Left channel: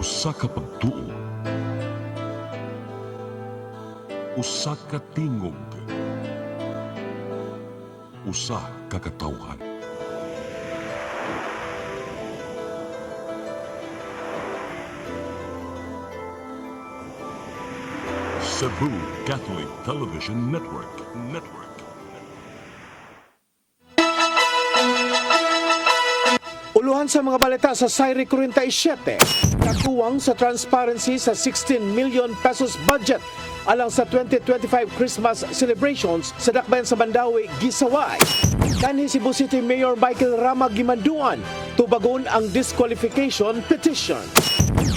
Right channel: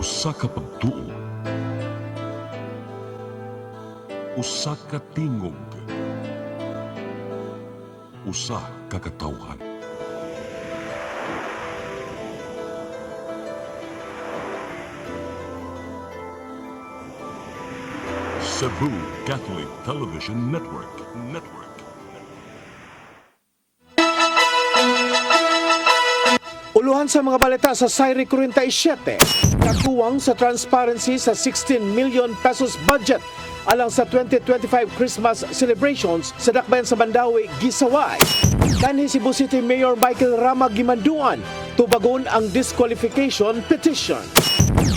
Usa ka pagtuo, usa ka tingog, usa ka katawhan. Cebu Catholic Television Network. Uluhan sa mga balita sa Sayri 47, kakuwang sa transparency sa 16 million pesos budget alang sa 2025 Christmas celebrations sa dakbayan sa Mandawi, Gisaway. Kanhi Cebu City Mayor Michael Rama Gimanduan tubagon ang disqualification petition.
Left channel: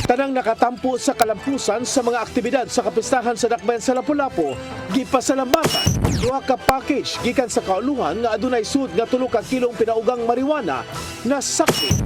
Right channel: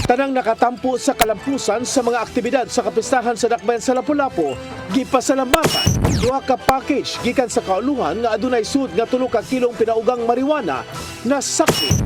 Tanang nakatampo sa kalampusan sa mga aktibidad sa kapistahan sa dakbayan sa Lapu-Lapu, gipasalamatan. Duha ka package gikan sa kauluhan nga adunay sud nga 3 ka kilong pinaugang marijuana na sakit.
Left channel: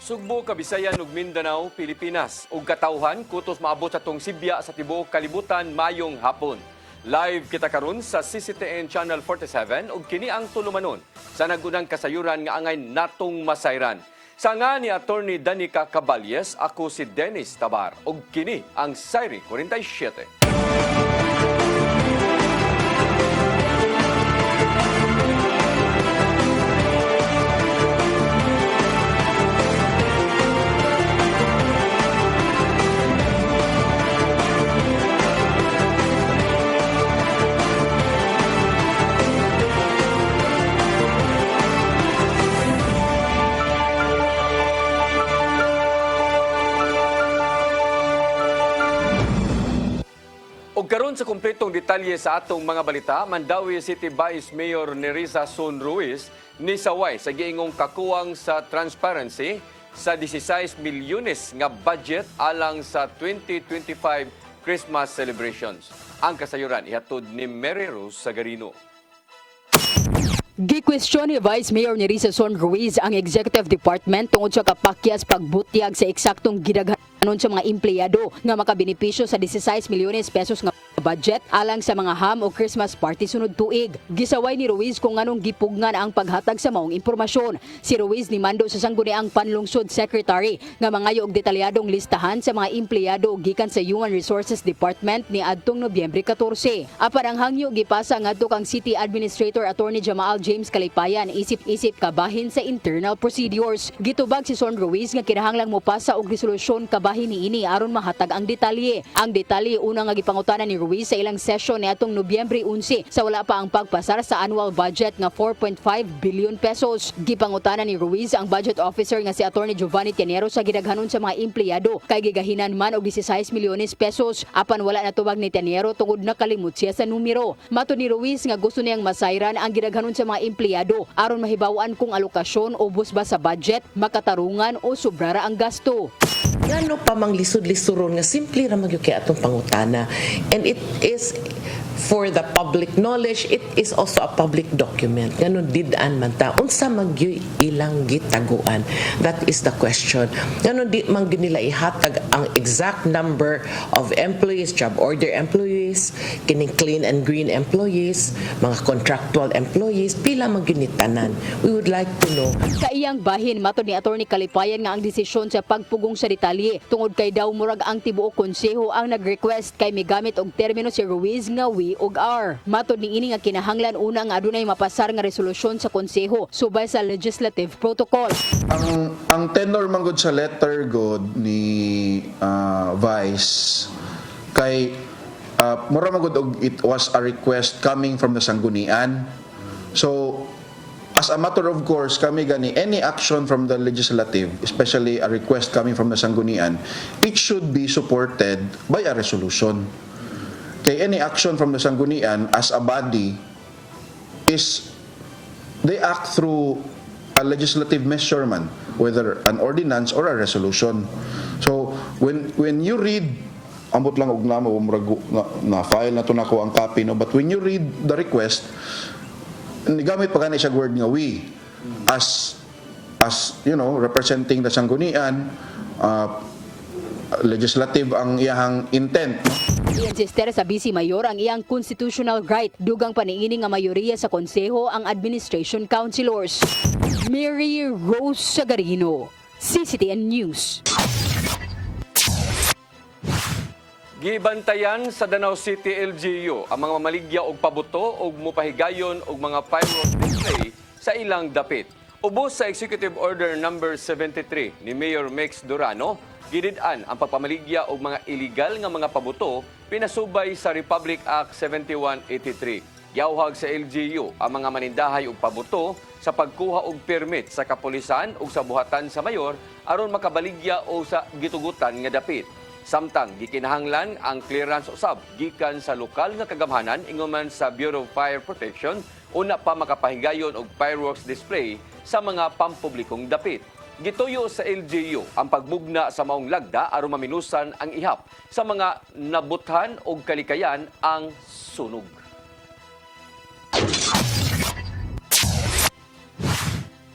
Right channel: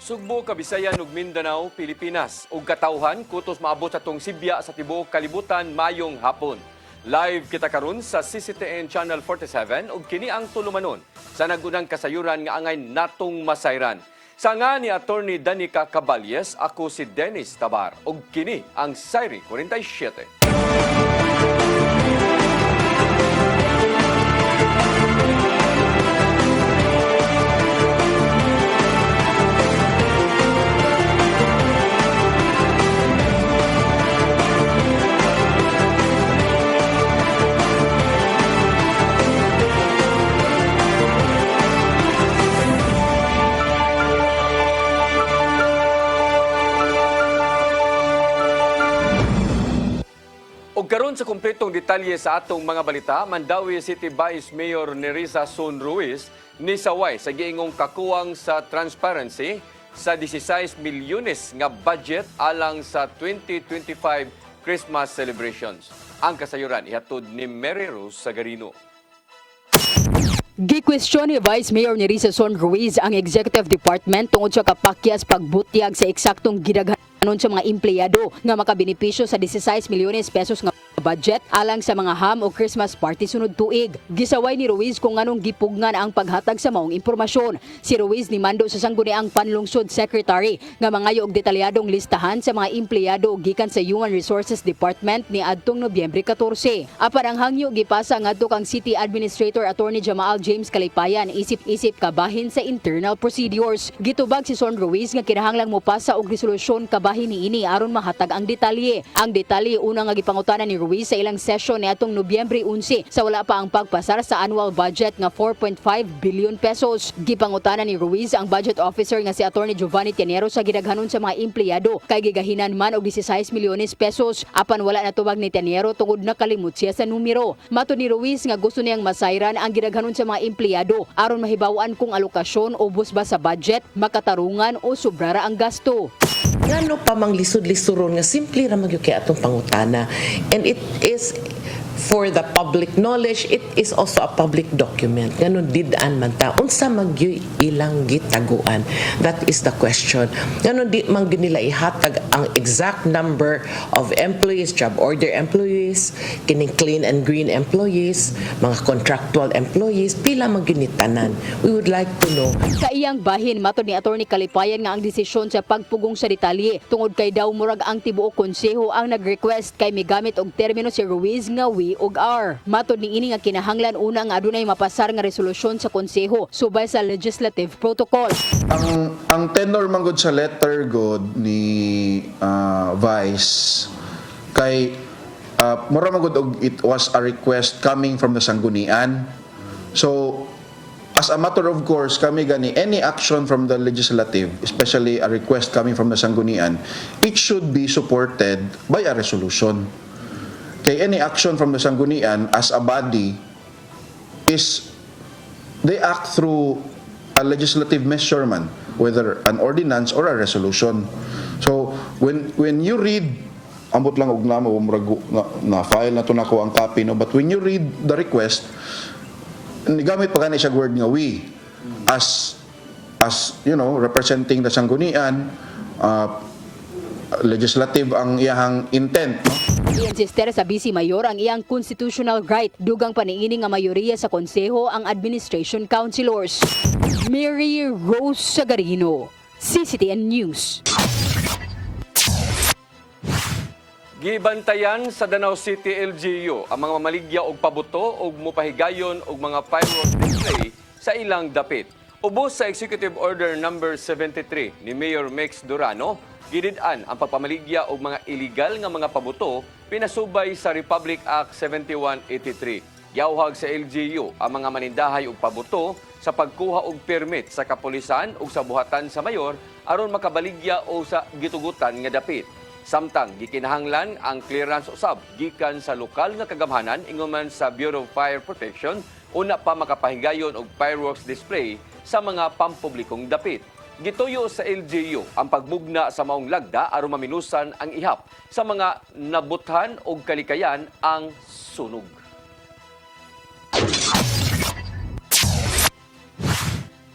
Sugbo, Kabisayan ug Mindanao, Pilipinas ug katawhan kutos maabot sa tong Sibya sa tibuok kalibutan mayong hapon. Live kita karon sa CCTN Channel 47 ug kini ang tulumanon sa nagunang kasayuran nga angay natong masayran. Sa nga ni Attorney Danica Caballes, ako si Dennis Tabar ug kini ang Sayri 47. Karon sa kumpletong detalye sa atong mga balita, Mandawi City Vice Mayor Nerissa Son Ruiz ni saway sa giingong kakuwang sa transparency sa 16 milyones nga budget alang sa 2025 Christmas celebrations. Ang kasayuran ihatod ni Mary Rose Sagarino. Gikwestiyon ni Vice Mayor Nerissa Son Ruiz ang Executive Department tungod sa kapakyas pagbutyag sa eksaktong gidaghanon sa mga empleyado nga makabenepisyo sa 16 milyones pesos nga budget alang sa mga ham o Christmas party sunod tuig. Gisaway ni Ruiz kung anong gipugnan ang paghatag sa maong impormasyon. Si Ruiz ni mando sa sangguniang Panlungsod Secretary nga mangayo og detalyadong listahan sa mga empleyado gikan sa Human Resources Department ni adtong Nobyembre 14. Apan ang hangyo gipasa ngadto kang City Administrator Attorney Jamaal James Kalipayan isip-isip kabahin sa internal procedures. Gitubag si Son Ruiz nga kinahanglang mopasa og resolusyon kabahin niini aron mahatag ang detalye. Ang detalye una nga gipangutanan ni Ruiz sa ilang session ni atong Nobyembre 11 sa wala pa ang pagpasar sa annual budget nga 4.5 billion pesos. Gipangutanan ni Ruiz ang budget officer nga si Attorney Giovanni Tianero sa gidaghanon sa mga empleyado kay gigahinan man og 16 milyones pesos apan wala natubag ni Tianero tungod nakalimot siya sa numero. Matud ni Ruiz nga gusto niyang masayran ang gidaghanon sa mga empleyado aron mahibaw-an kung alokasyon ubos ba sa budget, makatarungan o sobrara ang gasto. Ngano pa mang lisod-listuron nga simple ra magyud kay atong pangutana, and it is for the public knowledge, it is also a public document. Ngano did-an man ta unsa magyoy ilang gitaguan? That is the question. Ngano di man nila ihatag ang exact number of employees, job order employees, kining clean and green employees, mga contractual employees, pila man tanan? We would like to know. Sa iyang bahin, matod ni Attorney Kalipayan nga ang desisyon sa pagpugong sa detalye tungod kay daw murag ang tibuok konseho ang nag-request kay migamit og termino si Ruiz nga we ug R. Matod ni ini nga kinahanglan una nga adunay mapasar nga resolusyon sa konseho subay sa legislative protocol. Ang tenor man gud sa letter god ni Vice kay mura man gud og it was a request coming from the sanggunian. So as a matter of course, kami gani, any action from the legislative, especially a request coming from the sanggunian, it should be supported by a resolution. Kay any action from the sanggunian as a body is, they act through a legislative measurement, whether an ordinance or a resolution. So, when you read, ambot lang og namo, na file na to nako ang copy, no? But when you read the request, gamit pa kanina siya word nga we as you know, representing the sanggunian, legislative ang iyang intent, no? Insister sa Vice Mayor ang iyang constitutional right dugang paniini nga mayoriya sa konseho ang administration councilors. Mary Rose Sagarino, CCTN News. Gibantayan sa Danau City LGU ang mga mamaligya og pabuto og mopahigayon og mga fireworks display sa ilang dapit. Ubos sa Executive Order number 73 ni Mayor Mex Durano, gidid-an ang pagpamaligya og mga illegal nga mga pabuto pinasubay sa Republic Act 7183. Giawhag sa LGU ang mga manindahay og pabuto sa pagkuha og permit sa kapulisan ug sa buhatan sa mayor aron makabaligya o sa gitugutan nga dapit. Samtang gikinahanglan ang clearance usab gikan sa lokal nga kagamhanan ingon man sa Bureau of Fire Protection una pa makapahigayon og fireworks display sa mga pampublikong dapit. Gituyo sa LGU ang pagmugna sa maong lagda aron maminusan ang ihap sa mga nabuthan og kalikayan ang sunog.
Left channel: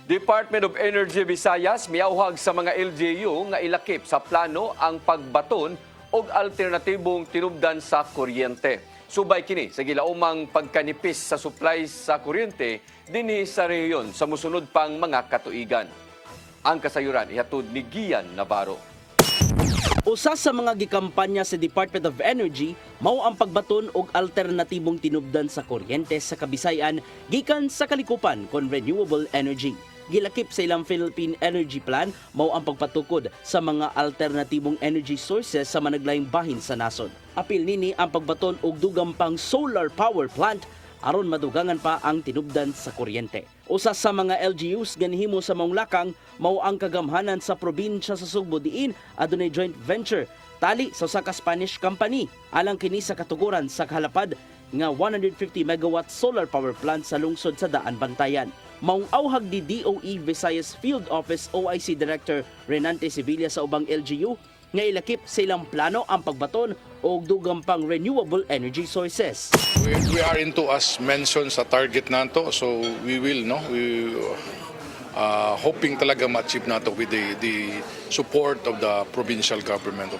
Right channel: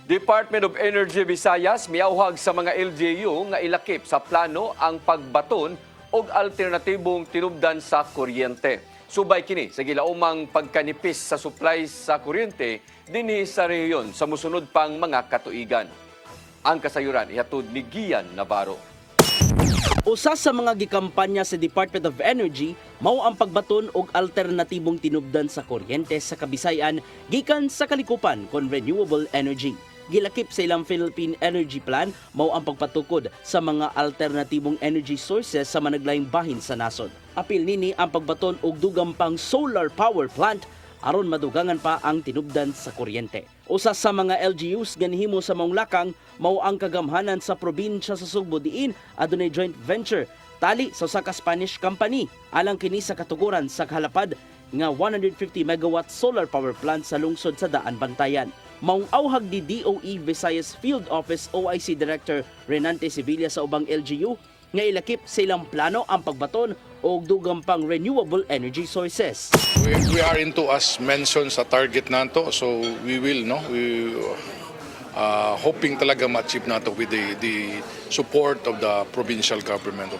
Department of Energy Visayas miauhag sa mga LGU nga ilakip sa plano ang pagbaton og alternatibong tinubdan sa kuryente. Subay kini sa gilaumang pagkanipis sa supply sa kuryente dinhi sa rehiyon sa mosunod pang mga katuigan. Ang kasayuran ihatod ni Gian Navarro. Usa sa mga gikampanya sa Department of Energy mao ang pagbaton og alternatibong tinubdan sa kuryente sa Kabisayan gikan sa kalikupan kon renewable energy. Gilakip sa ilang Philippine Energy Plan mao ang pagpatukod sa mga alternatibong energy sources sa managlayong bahin sa nasod. Apil nini ang pagbaton og dugang pang solar power plant aron madugangan pa ang tinubdan sa kuryente. Usa sa mga LGUs ganihimo sa maong lakang mao ang kagamhanan sa probinsya sa Sugbo diin adunay joint venture tali sa usa ka Spanish company alang kini sa katuguran sa kahalapad nga 150 megawatt solar power plant sa lungsod sa Daan Bantayan. Maong auhag di DOE Visayas Field Office OIC Director Renante Sevilla sa ubang LGU nga ilakip sa ilang plano ang pagbaton og dugang pang renewable energy sources. We are into, as mentioned, sa target nato, so we will hoping talaga ma-achieve nato with the support of the provincial government of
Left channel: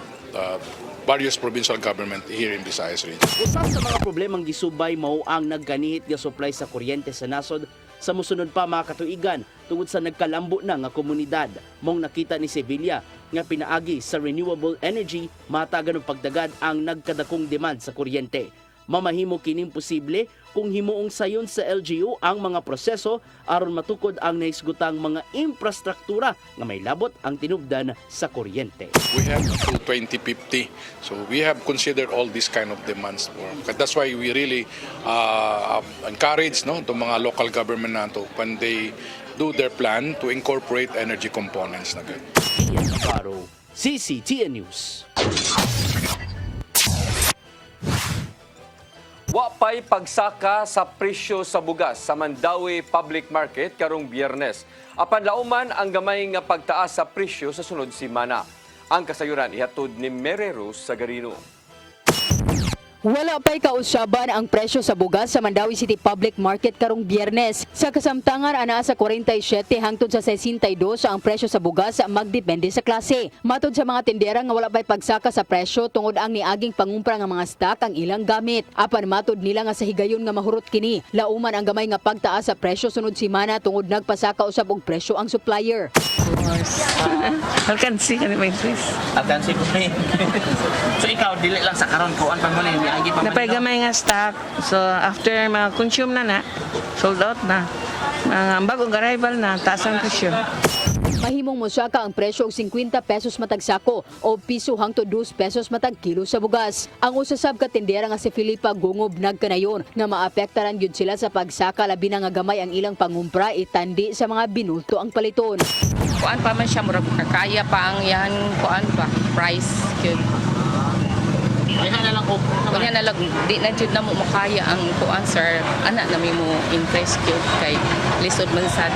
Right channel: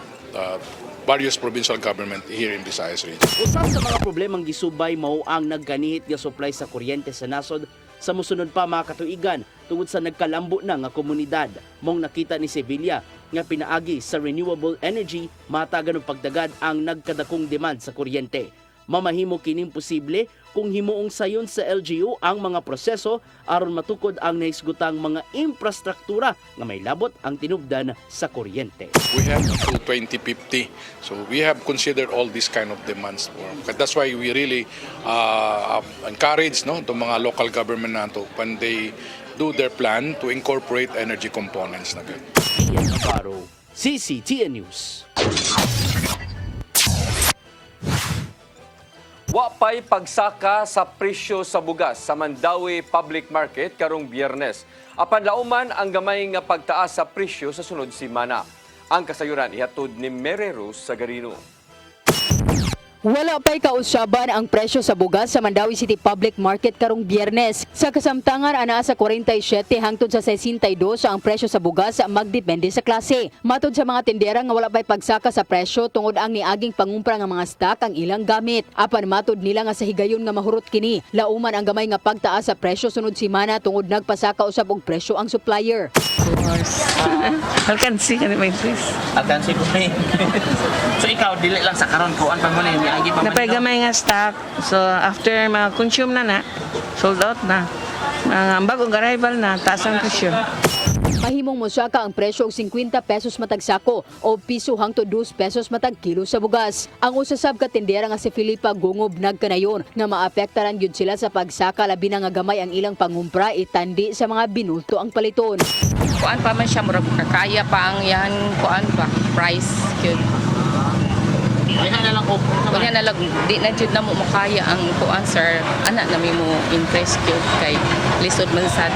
various provincial government here in Visayas region. Usa sa mga problemang gisubay mao ang nagkanihit nga supply sa kuryente sa nasod sa mosunod pa mga katuigan tungod sa nagkalambo na nga komunidad. Mong nakita ni Sevilla nga pinaagi sa renewable energy matagan og pagdagad ang nagkadakong demand sa kuryente. Mamahimo kining posible kung himuong sayon sa LGU ang mga proseso aron matukod ang naisgutang mga infrastruktura nga may labot ang tinubdan sa kuryente. We have until 2050, so we have considered all these kind of demands. That's why we really encourage the mga local government nato when they do their plan to incorporate energy components na ganyan. Ian Navarro, CCTN News. Wapay pagsaka sa presyo sa bugas sa Mandawi Public Market karong Biyernes. Apan lauman ang gamay nga pagtaas sa presyo sa sunod semana. Ang kasayuran ihatod ni Mary Rose Sagarino. Wala pa'y kausyaban ang presyo sa bugas sa Mandawi City Public Market karong Biyernes. Sa kasamtangan, ana sa 47 hangtod sa 62 ang presyo sa bugas magdepende sa klase. Matod sa mga tindera nga wala pa'y pagsaka sa presyo tungod ang niaging pangumpra nga mga stock ang ilang gamit. Apan matod nila nga sa higayon nga mahurot kini. Lauman ang gamay nga pagtaas sa presyo sunod semana tungod nagpasaka usab og presyo ang supplier. Alkansi ka naman, Chris. Alkansi ko eh. So ikaw, dili lang sa karon ko, pag mo na yung niagi pa man. Napay nga stock. So after ma-consume na, sold out na. Ang bagong arrival na, taas ang presyo. Mahimong mosaka ang presyo og 50 pesos matag sako o piso hangtod 2 pesos matag kilo sa bugas. Ang usasab ka tindera nga si Filipa Gungob nagkanayon nga maapektaran gyud sila sa pagsaka labi na nga gamay ang ilang pangumpra itandi sa mga binulto ang paliton. Kuan pa man siya murag kakaya pa ang yan kuan pa price gyud. Kaya na lang di na jud na mo makaya ang kuan sir. Ana na mo impress gyud kay lisod man sad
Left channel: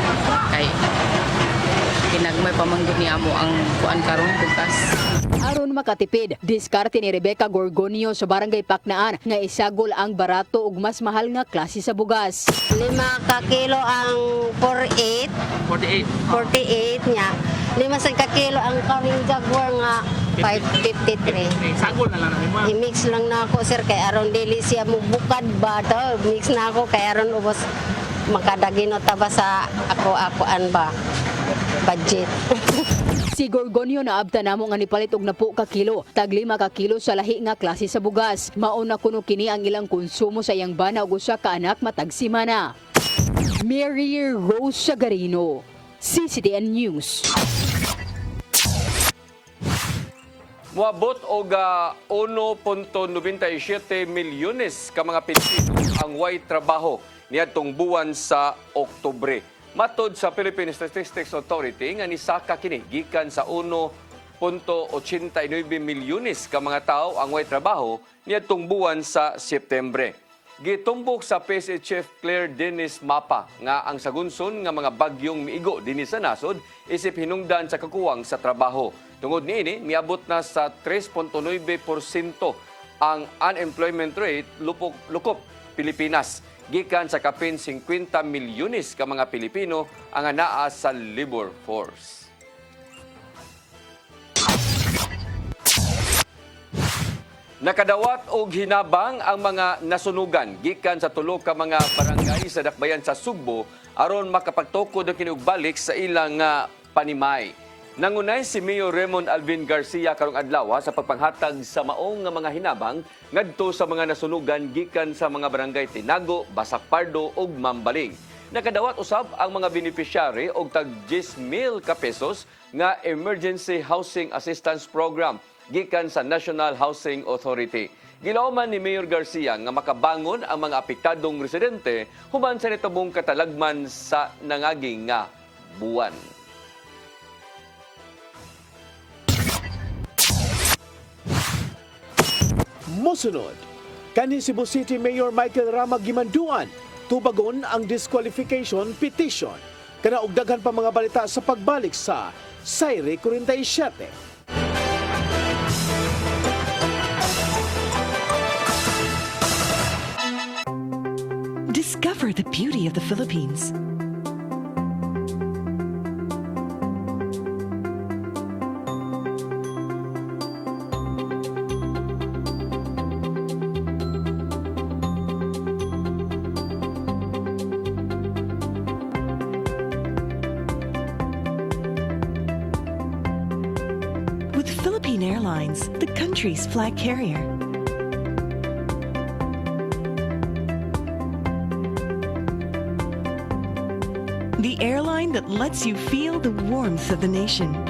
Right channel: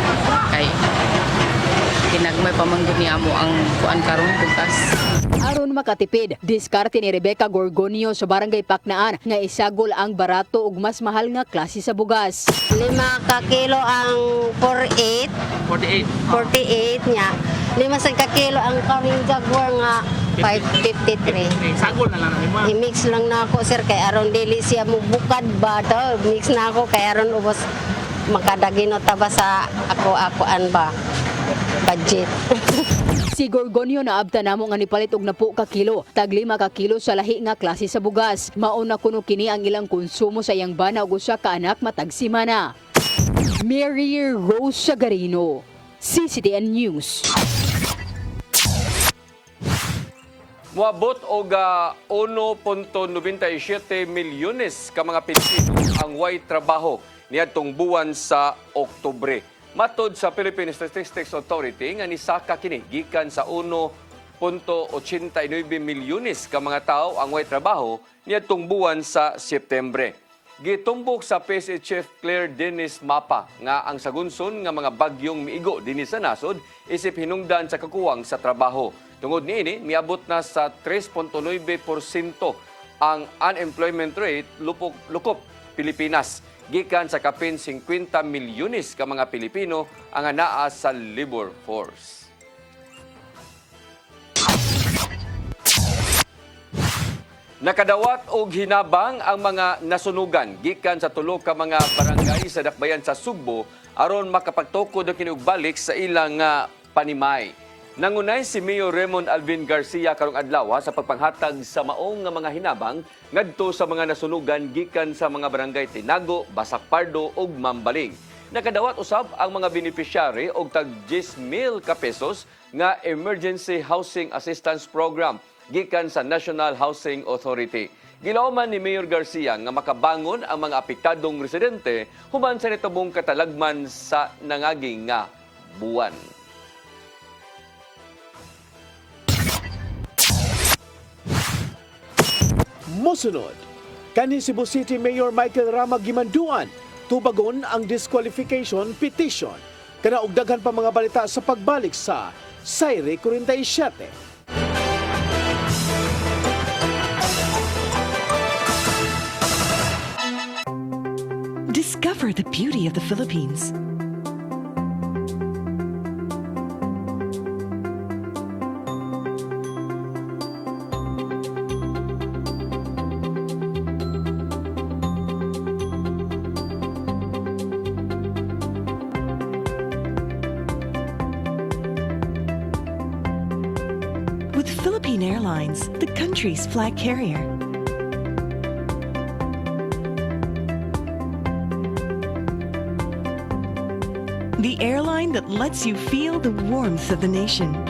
kay kinagmay pamanggod niya mo ang kuan karon bukas. Aron makatipid, diskarte ni Rebecca Gorgonio sa Barangay Paknaan nga isagol ang barato ug mas mahal nga klase sa bugas. 5 ka kilo ang 48 niya. 5 sa ka kilo ang karing jaguar nga 553. Sagol na lang mo. I-mix lang na ako sir kay aron dili siya mo bukad ba to. Mix na ako kay aron ubos makadagino ta ba sa ako-akoan ba. budget. Si Gorgonio naabta namo nga nipalit og napo ka kilo, tag 5 ka kilo sa lahi nga klase sa bugas. Mauna kuno kini ang ilang konsumo sa iyang bana ug usa ka anak matag semana. Mary Rose Sagarino, CCTN News. Moabot og 1.97 milyones ka mga Pilipino ang way trabaho niadtong buwan sa Oktubre. Matod sa Philippine Statistics Authority nga nisaka kini gikan sa 1.89 milyones ka mga tao ang way trabaho niadtong buwan sa Setyembre. Gitumbok sa PSA Chief Claire Dennis Mapa nga ang sagunson nga mga bagyong miigo dinhi sa nasod isip hinungdan sa kakuwang sa trabaho. Tungod niini, niabot na sa 3.9% ang unemployment rate lukop Pilipinas. Gikan sa kapin 50 milyones ka mga Pilipino ang anaa sa labor force. Nakadawat og hinabang ang mga nasunugan gikan sa tulo ka mga barangay sa dakbayan sa Sugbo aron makapagtukod ang kinugbalik sa ilang panimay. Nangunay si Mayor Raymond Alvin Garcia karong adlaw sa pagpanghatag sa maong nga mga hinabang ngadto sa mga nasunugan gikan sa mga barangay Tinago, Basak Pardo ug Mambaling. Nakadawat usab ang mga beneficiary og tag 10,000 ka pesos nga Emergency Housing Assistance Program gikan sa National Housing Authority. Gilauman ni Mayor Garcia nga makabangon ang mga apektadong residente human sa nitubong katalagman sa nangaging nga buwan. Mosunod, kani Cebu City Mayor Michael Rama Gimanduan, tubagon ang disqualification petition. Kana og daghan pa mga balita sa pagbalik sa Sayre 47. Discover the beauty of the Philippines. With Philippine Airlines, the country's flag carrier. The airline that lets you feel the warmth of the nation.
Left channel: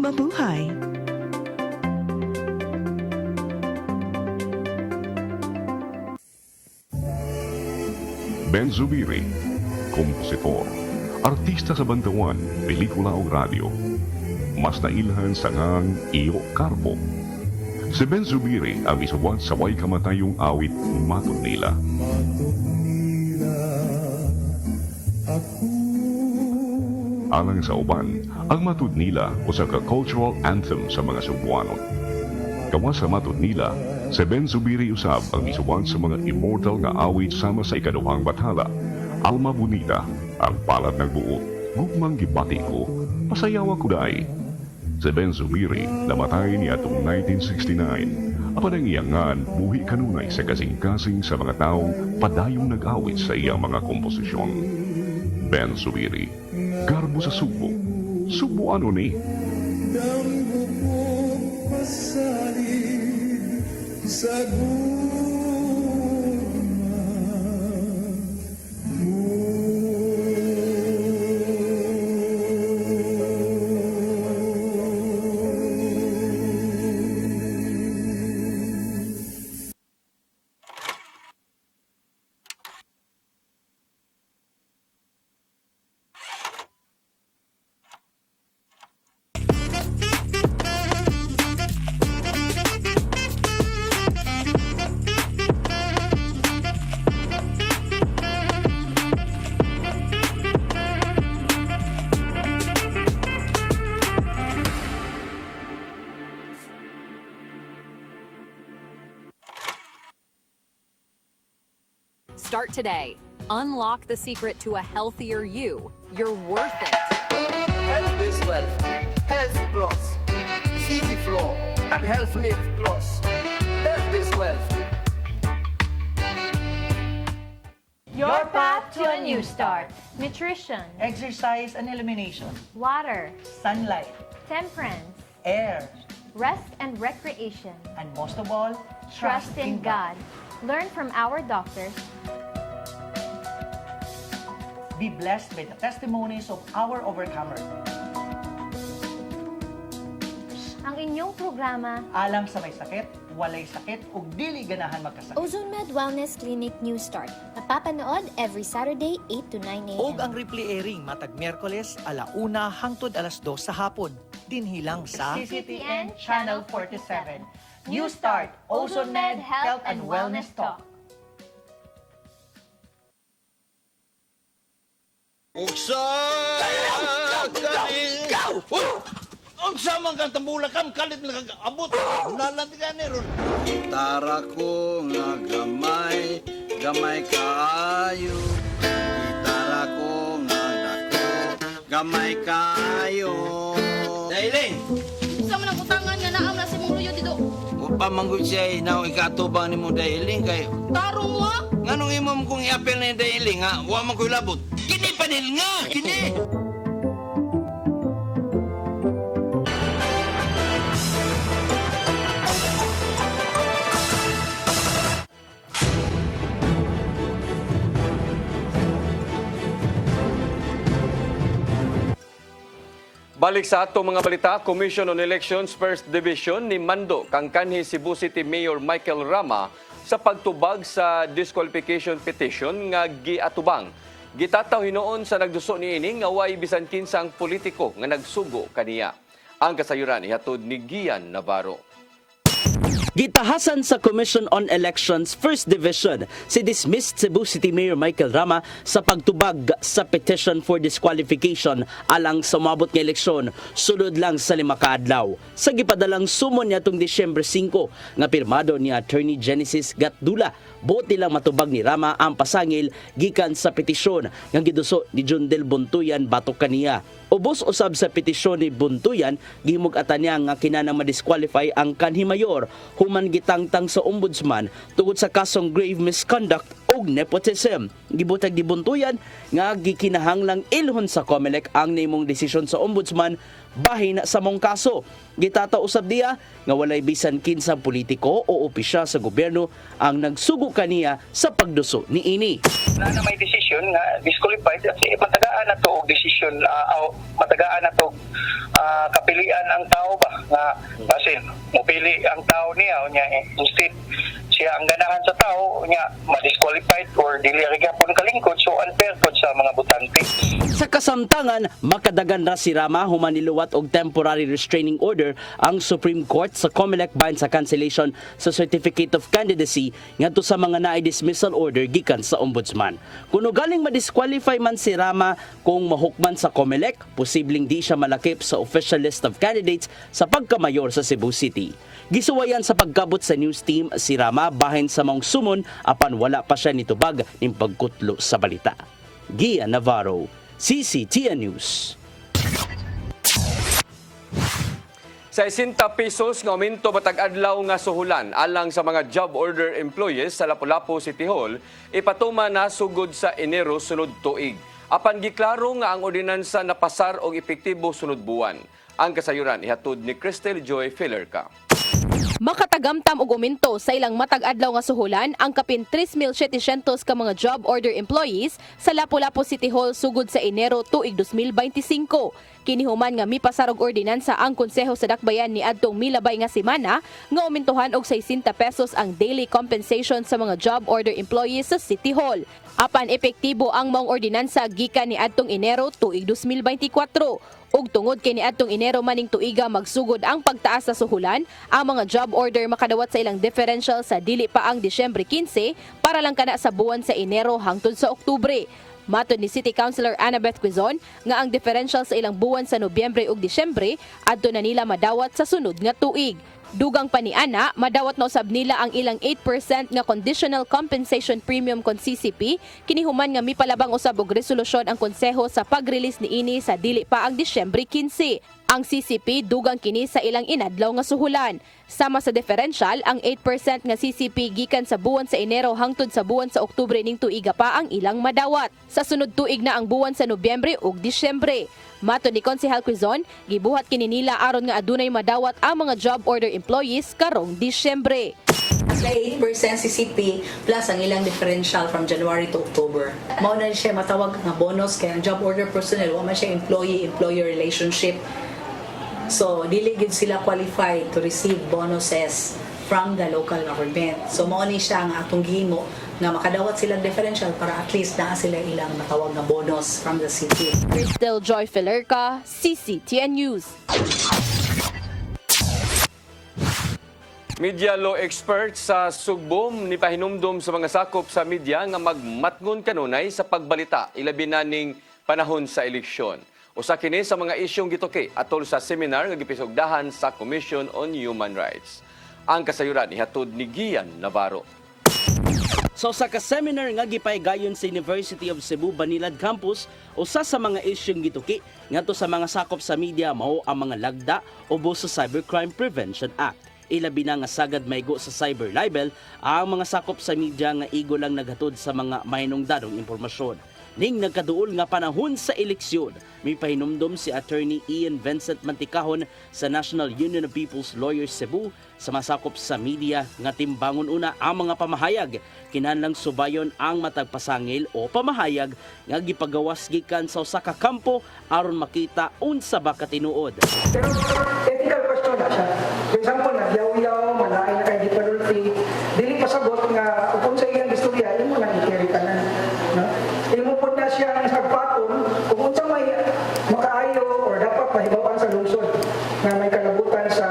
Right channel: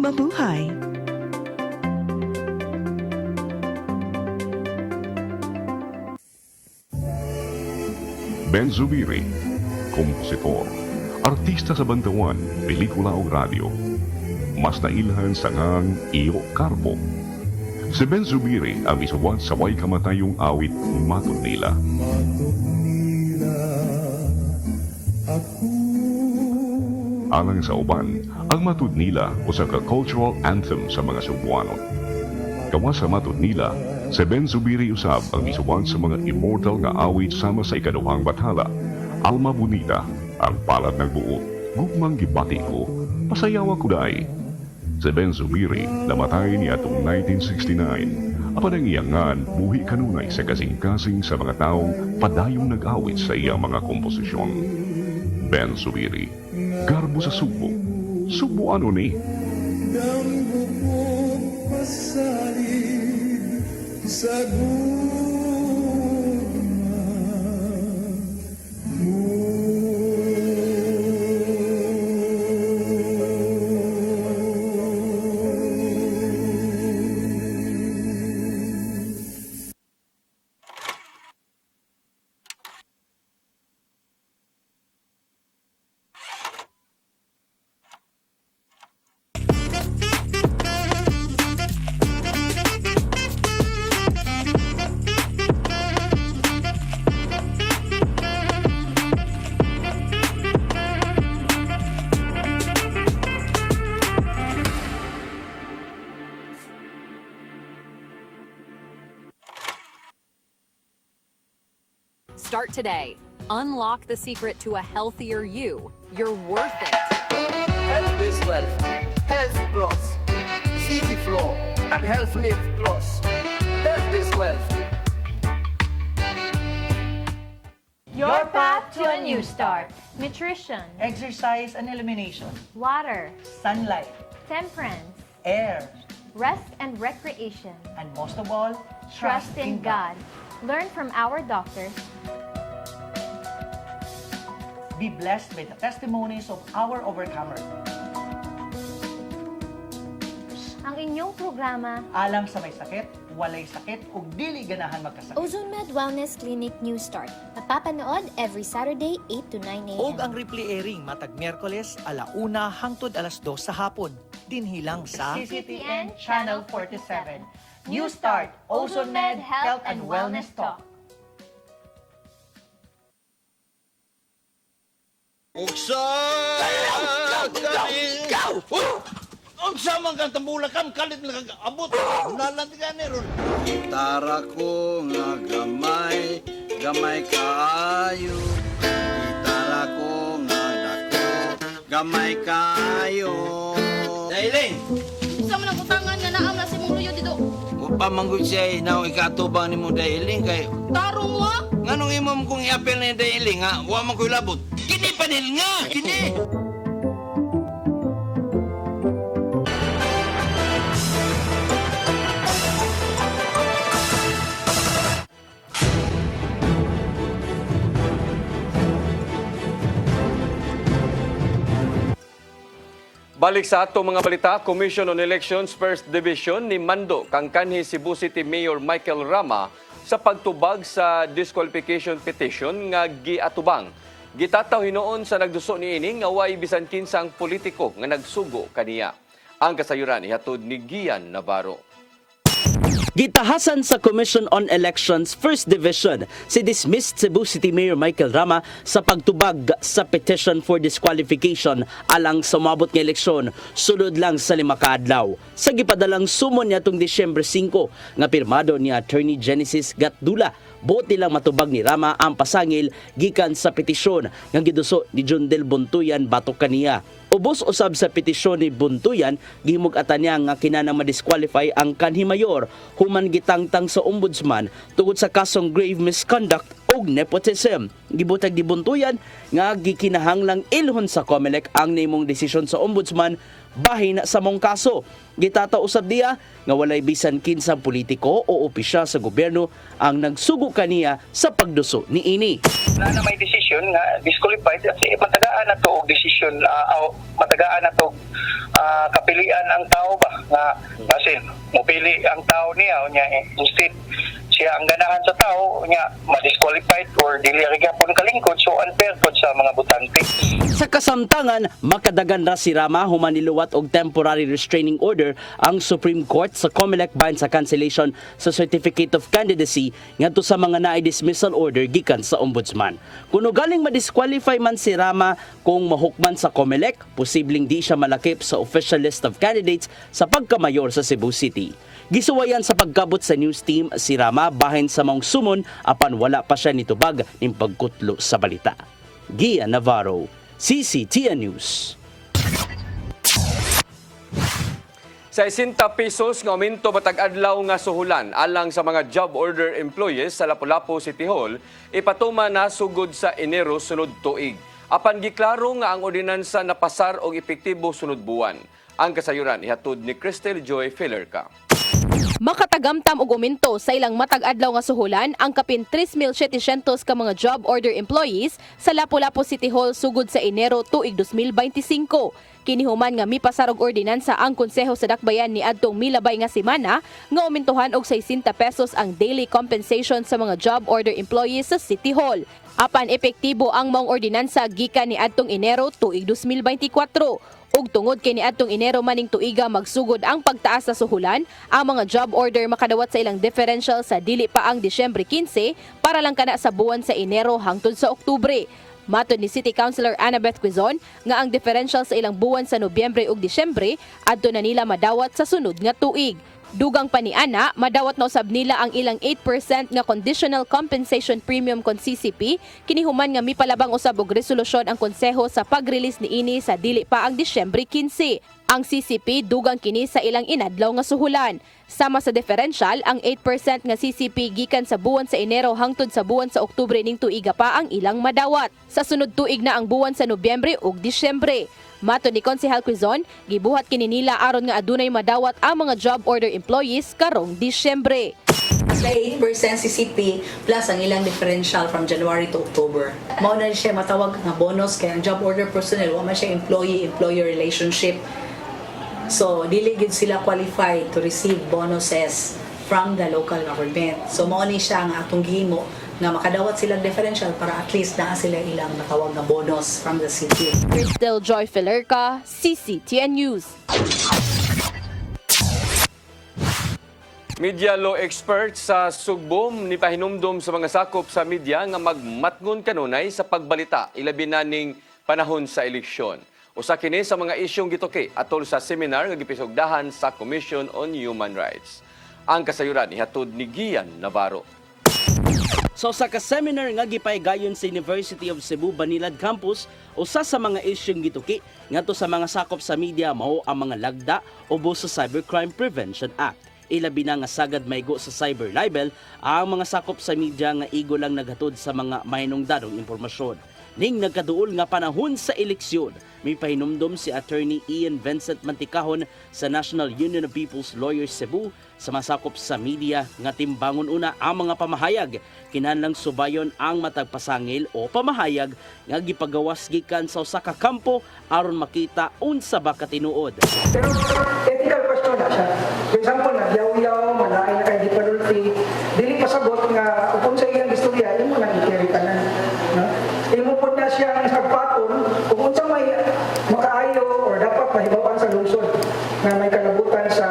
Mabuhay! Ben Zubiri, kompositor, artista sa bantawan, pelikula o radyo. Mas nailhan sa ngang Iyo Carbo. Si Ben Zubiri ang isuwat sa way kamatayong awit Matod Nila. Alang sa uban, ang Matod Nila usa ka cultural anthem sa mga Cebuano. Gawa sa Matod Nila, si Ben Zubiri usab ang isuwat sa mga immortal nga awit sama sa ikaduhang bathala. Alma Bonita, ang palad ng buo, gugmang gibati ko, pasayawa ko day. Si Ben Zubiri namatay niya atong 1969. Apan ang iyangan, buhi kanunay sa kasing-kasing sa mga taong padayong nag-awit sa iyang mga komposisyon. Ben Zubiri, garbo sa Sugbo. Sugbo ano ni? Start today. Unlock the secret to a healthier you. You're worth it. Health is wealth. Health Plus, City Flow, and Health Lift Plus. Health is wealth. Your path to a new start. Nutrition, Exercise and elimination. water, Sunlight. temperance, Air. rest and recreation. And most of all, Trust in God. Learn from our doctors. Be blessed by the testimonies of our overcomers. Ang inyong programa, Alam sa may sakit, walay sakit, ug dili ganahan magkasakit. Ozone Med Wellness Clinic News Start. Napapanood every Saturday 8 to 9 a.m. Og ang replay airing matag Miyerkules 1:00 hangtod 2:00 sa hapon. Dinhilang sa CCTN Channel 47. New Start, Ozone Med Health and Wellness Talk. Unsa man kang tambulakan kalit nag-abot nalandigan ni ron. Tara ko nga gamay, gamay kaayo. Gitara ko nga dako, gamay kaayo. Dailing! Unsa man ang utangan nga naam na si mong luyo dito? Upa manggod siya na ikatubang ni mo Dailing kay Tarong mo? nganong imam kong i-apel ni Dailing ha? Wa man ko'y labot. Kini panil nga! Kini! Balik sa ato mga balita, Commission on Elections First Division ni Mando kang kanhi Cebu City Mayor Michael Rama sa pagtubag sa disqualification petition nga giatubang. Gitataw hinoon sa nagduso niini nga way bisan kinsang politiko nga nagsugo kaniya. Ang kasayuran ihatod ni Gian Navarro. Gitahasan sa Commission on Elections First Division si dismissed Cebu City Mayor Michael Rama sa pagtubag sa petition for disqualification alang sa umabot nga eleksyon sulod lang sa 5 ka adlaw. Sa gipadalang sumon niya tung Disyembre 5 nga pirmado ni Attorney Genesis Gatdula, buti lang matubag ni Rama ang pasangil gikan sa petisyon nga giduso ni Jundel Buntuyan batok kaniya. Ubos usab sa petisyon ni Buntuyan, gimug-atan niya nga kinahanglan ma-disqualify ang kanhi mayor human gitangtang sa ombudsman tungod sa kasong grave misconduct o nepotism. Gibutag ni Buntuyan nga gikinahanglang ilhon sa COMELEC ang nimong desisyon sa ombudsman bahin sa mong kaso. Gitata usab diya nga walay bisan kinsang politiko o opisyal sa gobyerno ang nagsugo kaniya sa pagduso niini. Na may desisyon nga disqualified kasi matagaan na to og desisyon matagaan na to kapilian ang tao ba nga kasi mopili ang tao niya unya instead siya ang ganahan sa tao unya ma-disqualified or dili gyapon kalingkod so unfair pod sa mga botante. Sa kasamtangan, makadagan ra si Rama human niluwat og temporary restraining order ang Supreme Court sa COMELEC bahin sa cancellation sa Certificate of Candidacy ngadto sa mga naay dismissal order gikan sa ombudsman. Kung galing ma-disqualify man si Rama kung mahukman sa COMELEC, posibleng di siya malakip sa official list of candidates sa pagkamayor sa Cebu City. Gisuwayan sa pagkabot sa news team si Rama bahin sa mong sumon apan wala pa siya nitubag ning pagkutlo sa balita. Gian Navarro, CCTN News. Sa 60 pesos nga aumento matag adlaw nga suhulan alang sa mga job order employees sa Lapu-Lapu City Hall ipatuma na sugod sa Enero sunod tuig. Apan giklaro nga ang ordinansa napasar og epektibo sunod buwan. Ang kasayuran ihatod ni Cristel Joy Filerca. Makatagamtam og aumento sa ilang matag adlaw nga suhulan ang kapin 3,700 ka mga job order employees sa Lapu-Lapu City Hall sugod sa Enero tuig 2025. Kinihuman nga mipasar og ordinansa ang Konseho sa Dakbayan ni adtong milabay nga semana nga aumentohan og 60 pesos ang daily compensation sa mga job order employees sa City Hall. Apan epektibo ang maong ordinansa gikan ni adtong Enero tuig 2024. Ug tungod kay niadtong Enero maning tuiga magsugod ang pagtaas sa suhulan, ang mga job order makadawat sa ilang differential sa dili pa ang Disyembre 15 para lang kana sa buwan sa Enero hangtod sa Oktubre. Matod ni City Councilor Annabeth Quizon nga ang differential sa ilang buwan sa Nobyembre ug Disyembre adto na nila madawat sa sunod nga tuig. Dugang paniana, madawat na usab nila ang ilang 8% nga conditional compensation premium kon CCP, kinihuman nga mipalabang usab og resolusyon ang konseho sa pag-release niini sa dili pa ang Disyembre 15. Ang CCP dugang kini sa ilang inadlaw nga suhulan. Sama sa differential, ang 8% nga CCP gikan sa buwan sa Enero hangtod sa buwan sa Oktubre ning tuiga pa ang ilang madawat. Sa sunod tuig na ang buwan sa Nobyembre ug Disyembre. Mato ni Konsehal Quizon, gibuhat kini nila aron nga adunay madawat ang mga job order employees karong Disyembre. May 8% CCP plus ang ilang differential from January to October. Mao na siya matawag nga bonus kaya ang job order personnel wa man siya employee-employer relationship. So dili gid sila qualified to receive bonuses from the local government. So mao ni siya nga atong gihimo nga makadawat silang differential para at least naa sila ilang matawag nga bonus from the city. Cristel Joy Filerca, CCTN News. Media law expert sa Sugbom ni pahinumdom sa mga sakop sa media nga magmatngon kanunay sa pagbalita ilabi na ning panahon sa eleksyon. Usa kini sa mga isyong gituki atol sa seminar nga gipisugdahan sa Commission on Human Rights. Ang kasayuran ihatod ni Gian Navarro. So sa ka-seminar nga gipaygayon sa University of Cebu Banilad Campus, usa sa mga isyong gituki ngadto sa mga sakop sa media mao ang mga lagda ubos sa Cybercrime Prevention Act. Ilabi na nga sagad maygo sa cyber libel ang mga sakop sa media nga igo lang naghatod sa mga mahinungdanong impormasyon. Ning nagkaduol nga panahon sa eleksyon, may pahinumdom si Attorney Ian Vincent Manticahon sa National Union of People's Lawyers Cebu sa masakop sa media nga timbangon una ang mga pamahayag kinahanglang subayon ang matag pasangil o pamahayag nga gipagawas gikan sa usa ka kampo aron makita unsa ba katinuod. Pero ethical question na siya. For example, nagyaw-yaw, malain na kay difficulty, dili pasagot nga kung sa iyang istorya, imo lang i-carry ka na. No? Imo po na siyang nagpaton kung unsa may makaayo or dapat mahibawan sa lungsod na may kalabutan sa,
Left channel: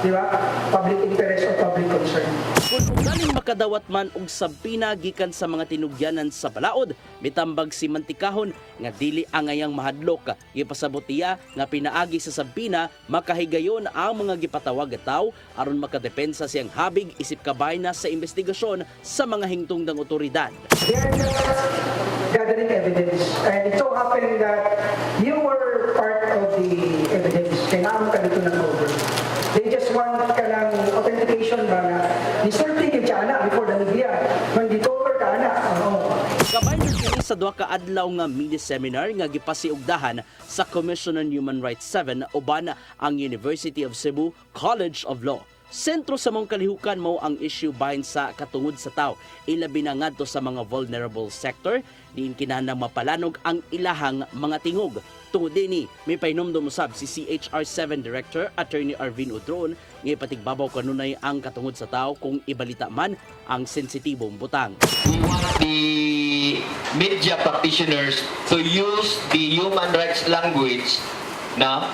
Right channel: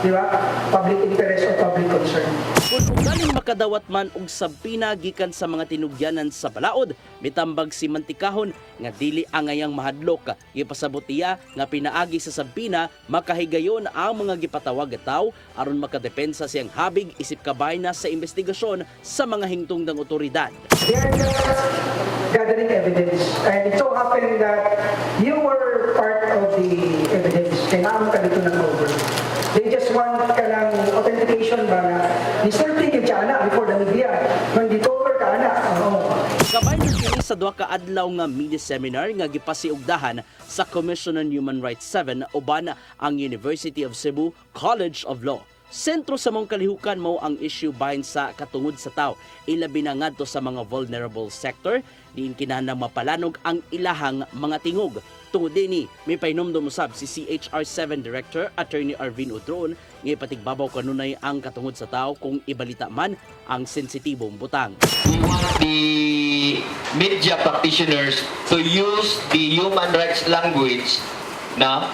di ba, public interest or public concern. Kung galing makadawat man og sabpina gikan sa mga tinugyanan sa balaod, mitambag si Manticahon nga dili angayang mahadlok. Gipasabot niya nga pinaagi sa sabpina makahigayon ang mga gipatawag nga tawo aron makadepensa siyang habig isip kabay na sa investigasyon sa mga hingtungdang otoridad. They are just gathering evidence. And it so happened that you were part of the evidence. Kailangan ka dito ng over. They just want ka ng authentication ba na disorting yung tiyanak before the media. Nang dito over ka na. Kabay na kini sa duha ka adlaw nga media seminar nga gipasiugdahan sa Commission on Human Rights 7 uban ang University of Cebu College of Law. Sentro sa mong kalihukan mo ang issue bahin sa katungod sa tao. Ilabi na ngadto sa mga vulnerable sector, diin kinahanglang mapalanog ang ilahang mga tingog. Tungod dinhi, may pahinumdum usab si CHR7 Director Attorney Arvin Udron nga ipatigbabaw kanunay ang katungod sa tao kung ibalita man ang sensitibong butang. We want the media practitioners to use the human rights language na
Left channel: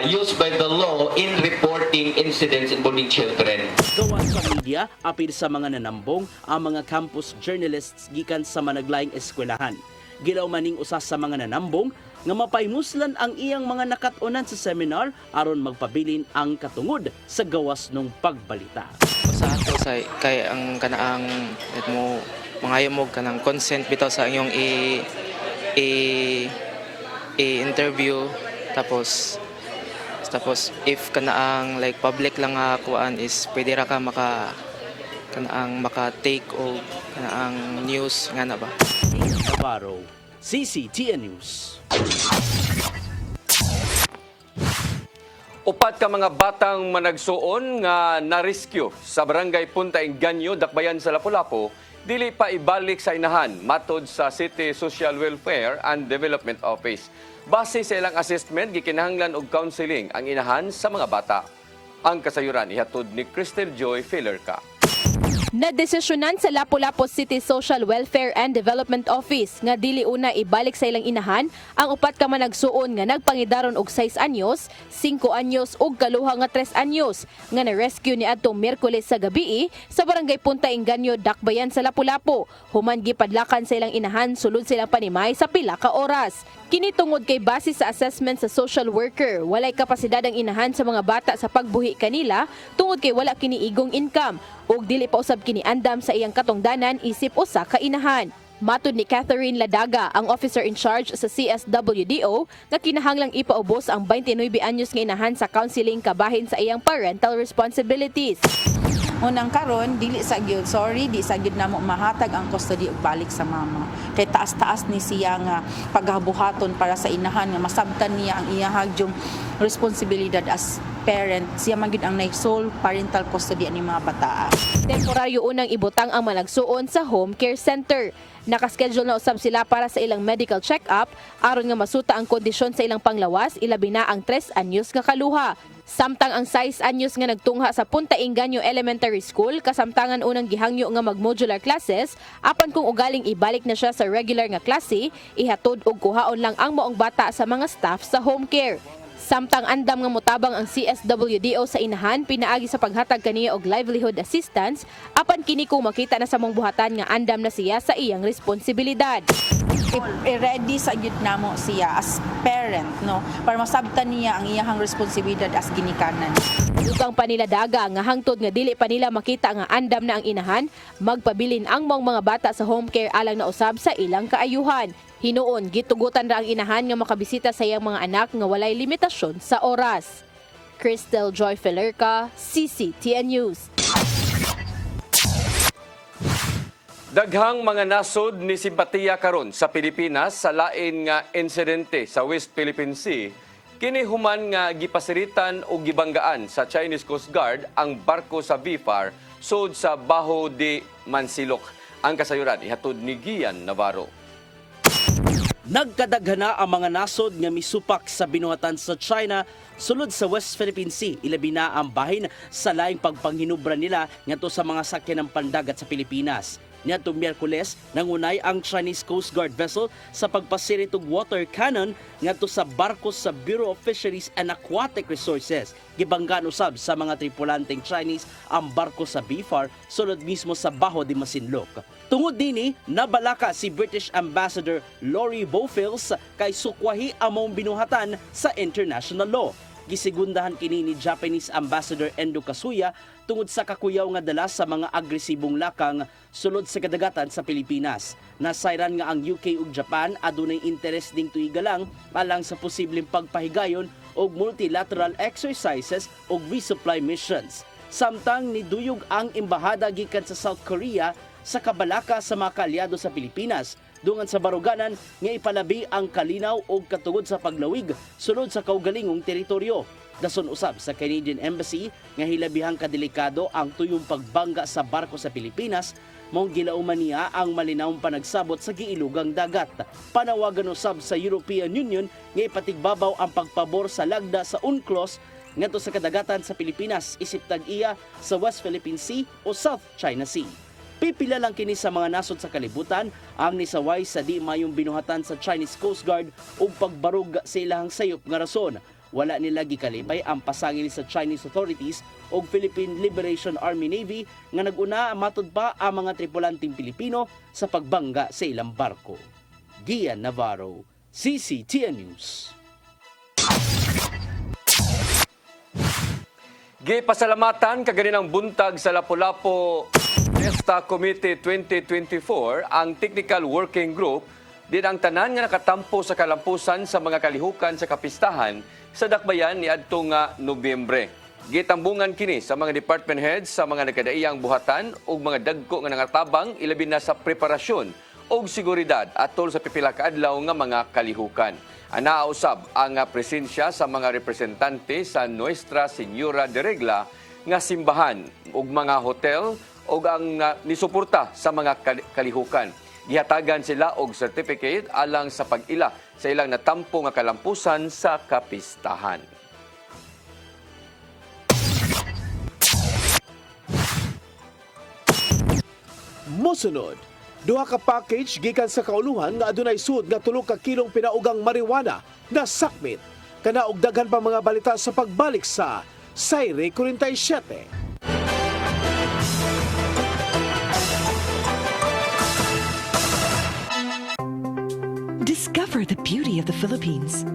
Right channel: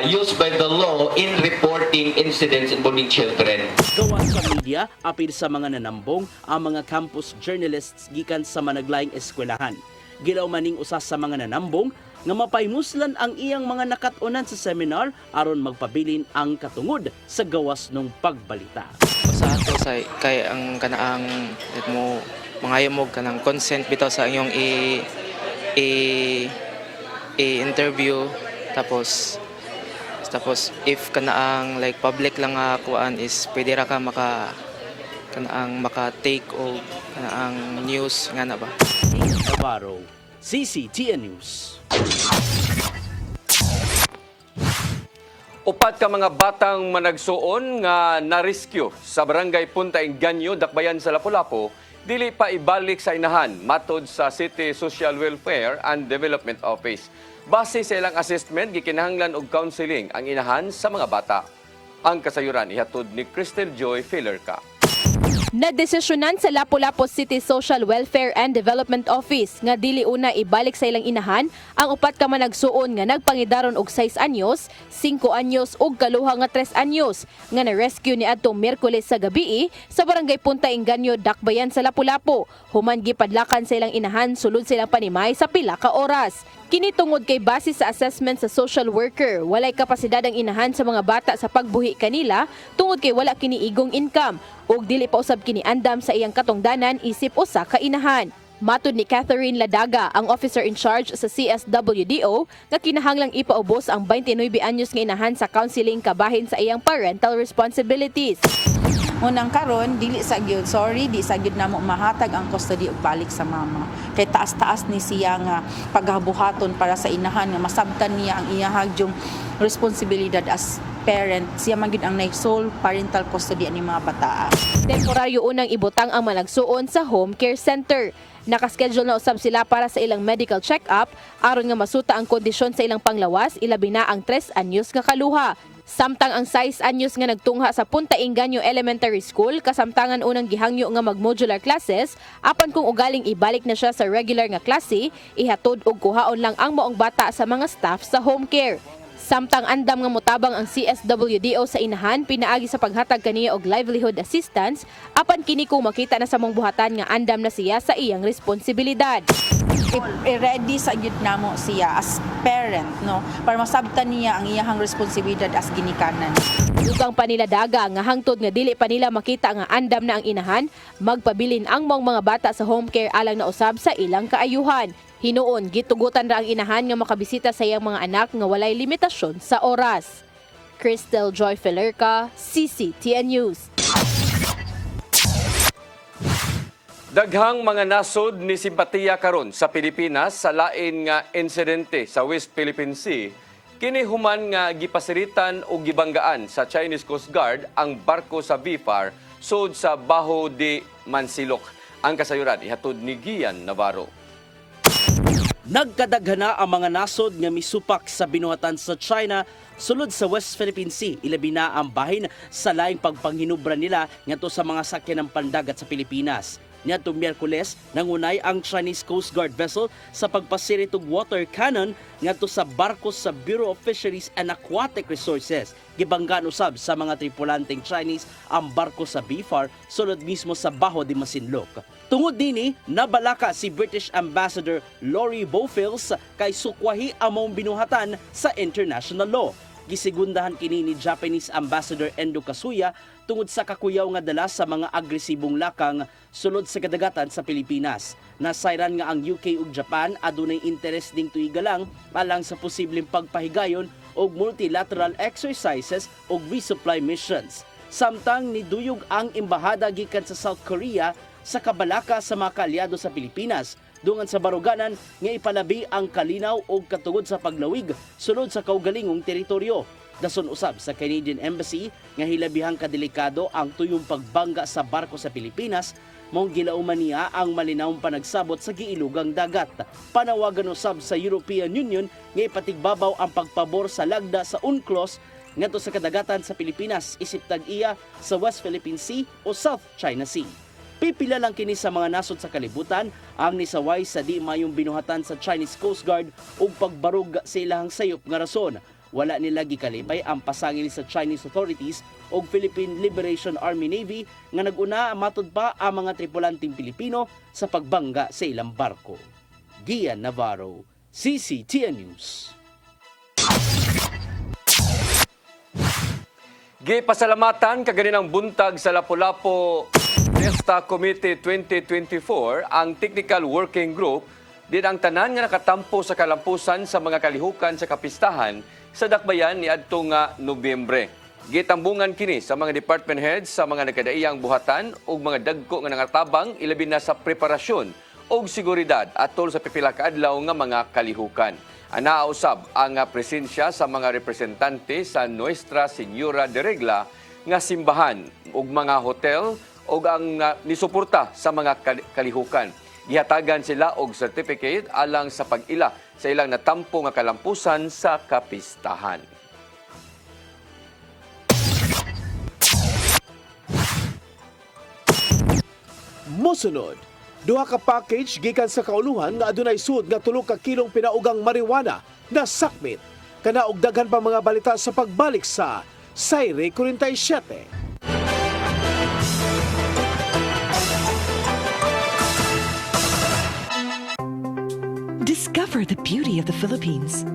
used by the law in reporting incidents involving children. Gawa sa media, apil sa mga nanambong ang mga campus journalists gikan sa managlaing eskwelahan. Gilaw maning usa sa mga nanambong nga mapaymuslan ang iyang mga nakatunan sa seminar aron magpabilin ang katungod sa gawas ng pagbalita. Sa ato sa kay ang kanaang mo mangayamog kanang consent bitaw sa inyong interview tapos if kanaang like public lang nga kuan is pwede ra ka maka take o kanaang news nga na ba. Navarro, CCTN News. Upat ka mga batang managsuon nga na-rescue sa barangay Punta Inganyo, Dakbayan sa Lapu-Lapu, dili pa ibalik sa inahan matod sa City Social Welfare and Development Office. Base sa ilang assessment, gikinahanglan og counseling ang inahan sa mga bata. Ang kasayuran ihatod ni Cristel Joy Filerca. Nadesisyonan sa Lapu-Lapu City Social Welfare and Development Office nga dili una ibalik sa ilang inahan ang upat ka managsuon nga nagpangidaron og 6 anyos, 5 anyos ug kaluha nga 3 anyos nga na-rescue ni adtong Miyerkules sa gabii sa barangay Punta Inganyo, Dakbayan sa Lapu-Lapu. Human gipadlakan sa ilang inahan sulod silang panimay sa pila ka oras. Kini tungod kay base sa assessment sa social worker, walay kapasidad ang inahan sa mga bata sa pagbuhi kanila tungod kay wala kini igong income ug dili pa usab kini andam sa iyang katungdanan isip usa ka inahan. Matud ni Catherine Ladaga, ang officer in charge sa CSWDO, nga kinahanglang ipaubos ang 29 anyos nga inahan sa counseling kabahin sa iyang parental responsibilities. Unang karon dili sa gyud di sa gyud namo mahatag ang custody og balik sa mama. Kay taas-taas ni siya nga paghabuhaton para sa inahan nga masabtan niya ang iyahag yung responsibilidad as parent. Siya man gyud ang sole parental custody ani mga bata. Temporaryo unang ibutang ang malagsuon sa home care center. Nakaschedule na usab sila para sa ilang medical check-up aron nga masuta ang kondisyon sa ilang panglawas, ilabi na ang 3 anyos nga kaluha. Samtang ang 6 anyos nga nagtungha sa Punta Inganyo Elementary School, kasamtangan unang gihangyo nga mag-modular classes, apan kung ugaling ibalik na siya sa regular nga klase, ihatod og kuhaon lang ang maong bata sa mga staff sa home care. Samtang andam nga motabang ang CSWDO sa inahan, pinaagi sa paghatag kaniya og livelihood assistance, apan kini kung makita na sa mong buhatan nga andam na siya sa iyang responsibilidad. I-ready sa gyud namo siya as parent, no, para masabtan niya ang iyahang responsibilidad as ginikanan. Dugang pa nila Daga nga hangtod nga dili pa nila makita nga andam na ang inahan, magpabilin ang mga bata sa home care alang na usab sa ilang kaayuhan. Hinuon, gitugutan ra ang inahan nga makabisita sa iyang mga anak nga walay limitasyon sa oras. Cristel Joy Felerca, CCTN News. Daghang mga nasod ni simpatiya karon sa Pilipinas sa lain nga insidente sa West Philippine Sea, kini human nga gipasiritan o gibanggaan sa Chinese Coast Guard ang barko sa BIFAR sud sa Baho de Mansilok. Ang kasayuran ihatod ni Gian Navarro. Nagkadaghana ang mga nasod nga misupak sa binuhatan sa China sulod sa West Philippine Sea, ilabi na ang bahin sa laing pagpanghinubra nila ngadto sa mga sakyan ng pandagat sa Pilipinas. Niadtong Miyerkules, nangunay ang Chinese Coast Guard vessel sa pagpasirit og water cannon ngadto sa barko sa Bureau of Fisheries and Aquatic Resources. Gibanggaan usab sa mga tripulanteng Chinese ang barko sa BIFAR sulod mismo sa Baho de Masinloc. Tungod dini, nabalaka si British Ambassador Lori Bowfields kay sukwahi among binuhatan sa international law. Gisigundahan kini ni Japanese Ambassador Endo Kasuya tungod sa kakuyaw nga dala sa mga agresibong lakang sulod sa kadagatan sa Pilipinas. Nasayran nga ang UK ug Japan adunay interes ding tuigalang alang sa posibleng pagpahigayon og multilateral exercises ug resupply missions. Samtang niduyog ang embahada gikan sa South Korea sa kabalaka sa mga kaalyado sa Pilipinas dungan sa baruganan nga ipalabi ang kalinaw o katungod sa paglawig sulod sa kaugalingong teritoryo. Dason usab sa Canadian Embassy nga hilabihang kadelikado ang tuyong pagbangga sa barko sa Pilipinas, mong gilauman niya ang malinawong panagsabot sa giilugang dagat. Panawagan usab sa European Union nga ipatigbabaw ang pagpabor sa lagda sa UNCLOS ngadto sa kadagatan sa Pilipinas isip tag-iya sa West Philippine Sea o South China Sea. Pipila lang kini sa mga nasod sa kalibutan ang nisaway sa di mayong binuhatan sa Chinese Coast Guard ug pagbarug sa ilahang sayop nga rason. Wala nila gikalipay ang pasangil sa Chinese authorities ug Philippine Liberation Army Navy nga nag-una matud pa ang mga tripulanteng Pilipino sa pagbangga sa ilang barko. Gian Navarro, CCTN News. Gipasalamatan kaganinang buntag sa Lapu-Lapu Fiesta Committee 2024 ang Technical Working Group din ang tanan nga nakatampo sa kalampusan sa mga kalihukan sa kapistahan sa dakbayan ni adtong Nobyembre. Gitambungan kini sa mga department heads sa mga nagkadaiyang buhatan ug mga dagko nga nangatabang ilabi na sa preparasyon ug seguridad atol sa pipila ka adlaw nga mga kalihukan. Anaa usab ang presensya sa mga representante sa Nuestra Señora de Regla nga simbahan ug mga hotel ug ang nisuporta sa mga kalihukan. Gihatagan sila og certificate alang sa pag-ila sa ilang natampo nga kalampusan sa kapistahan. Mosunod, duha ka package gikan sa kauluhan nga adunay sud nga 3 ka kilong pinaugang marijuana na sakmit. Kana og daghan pa mga balita sa pagbalik sa Sayre 47. Discover the beauty of the Philippines.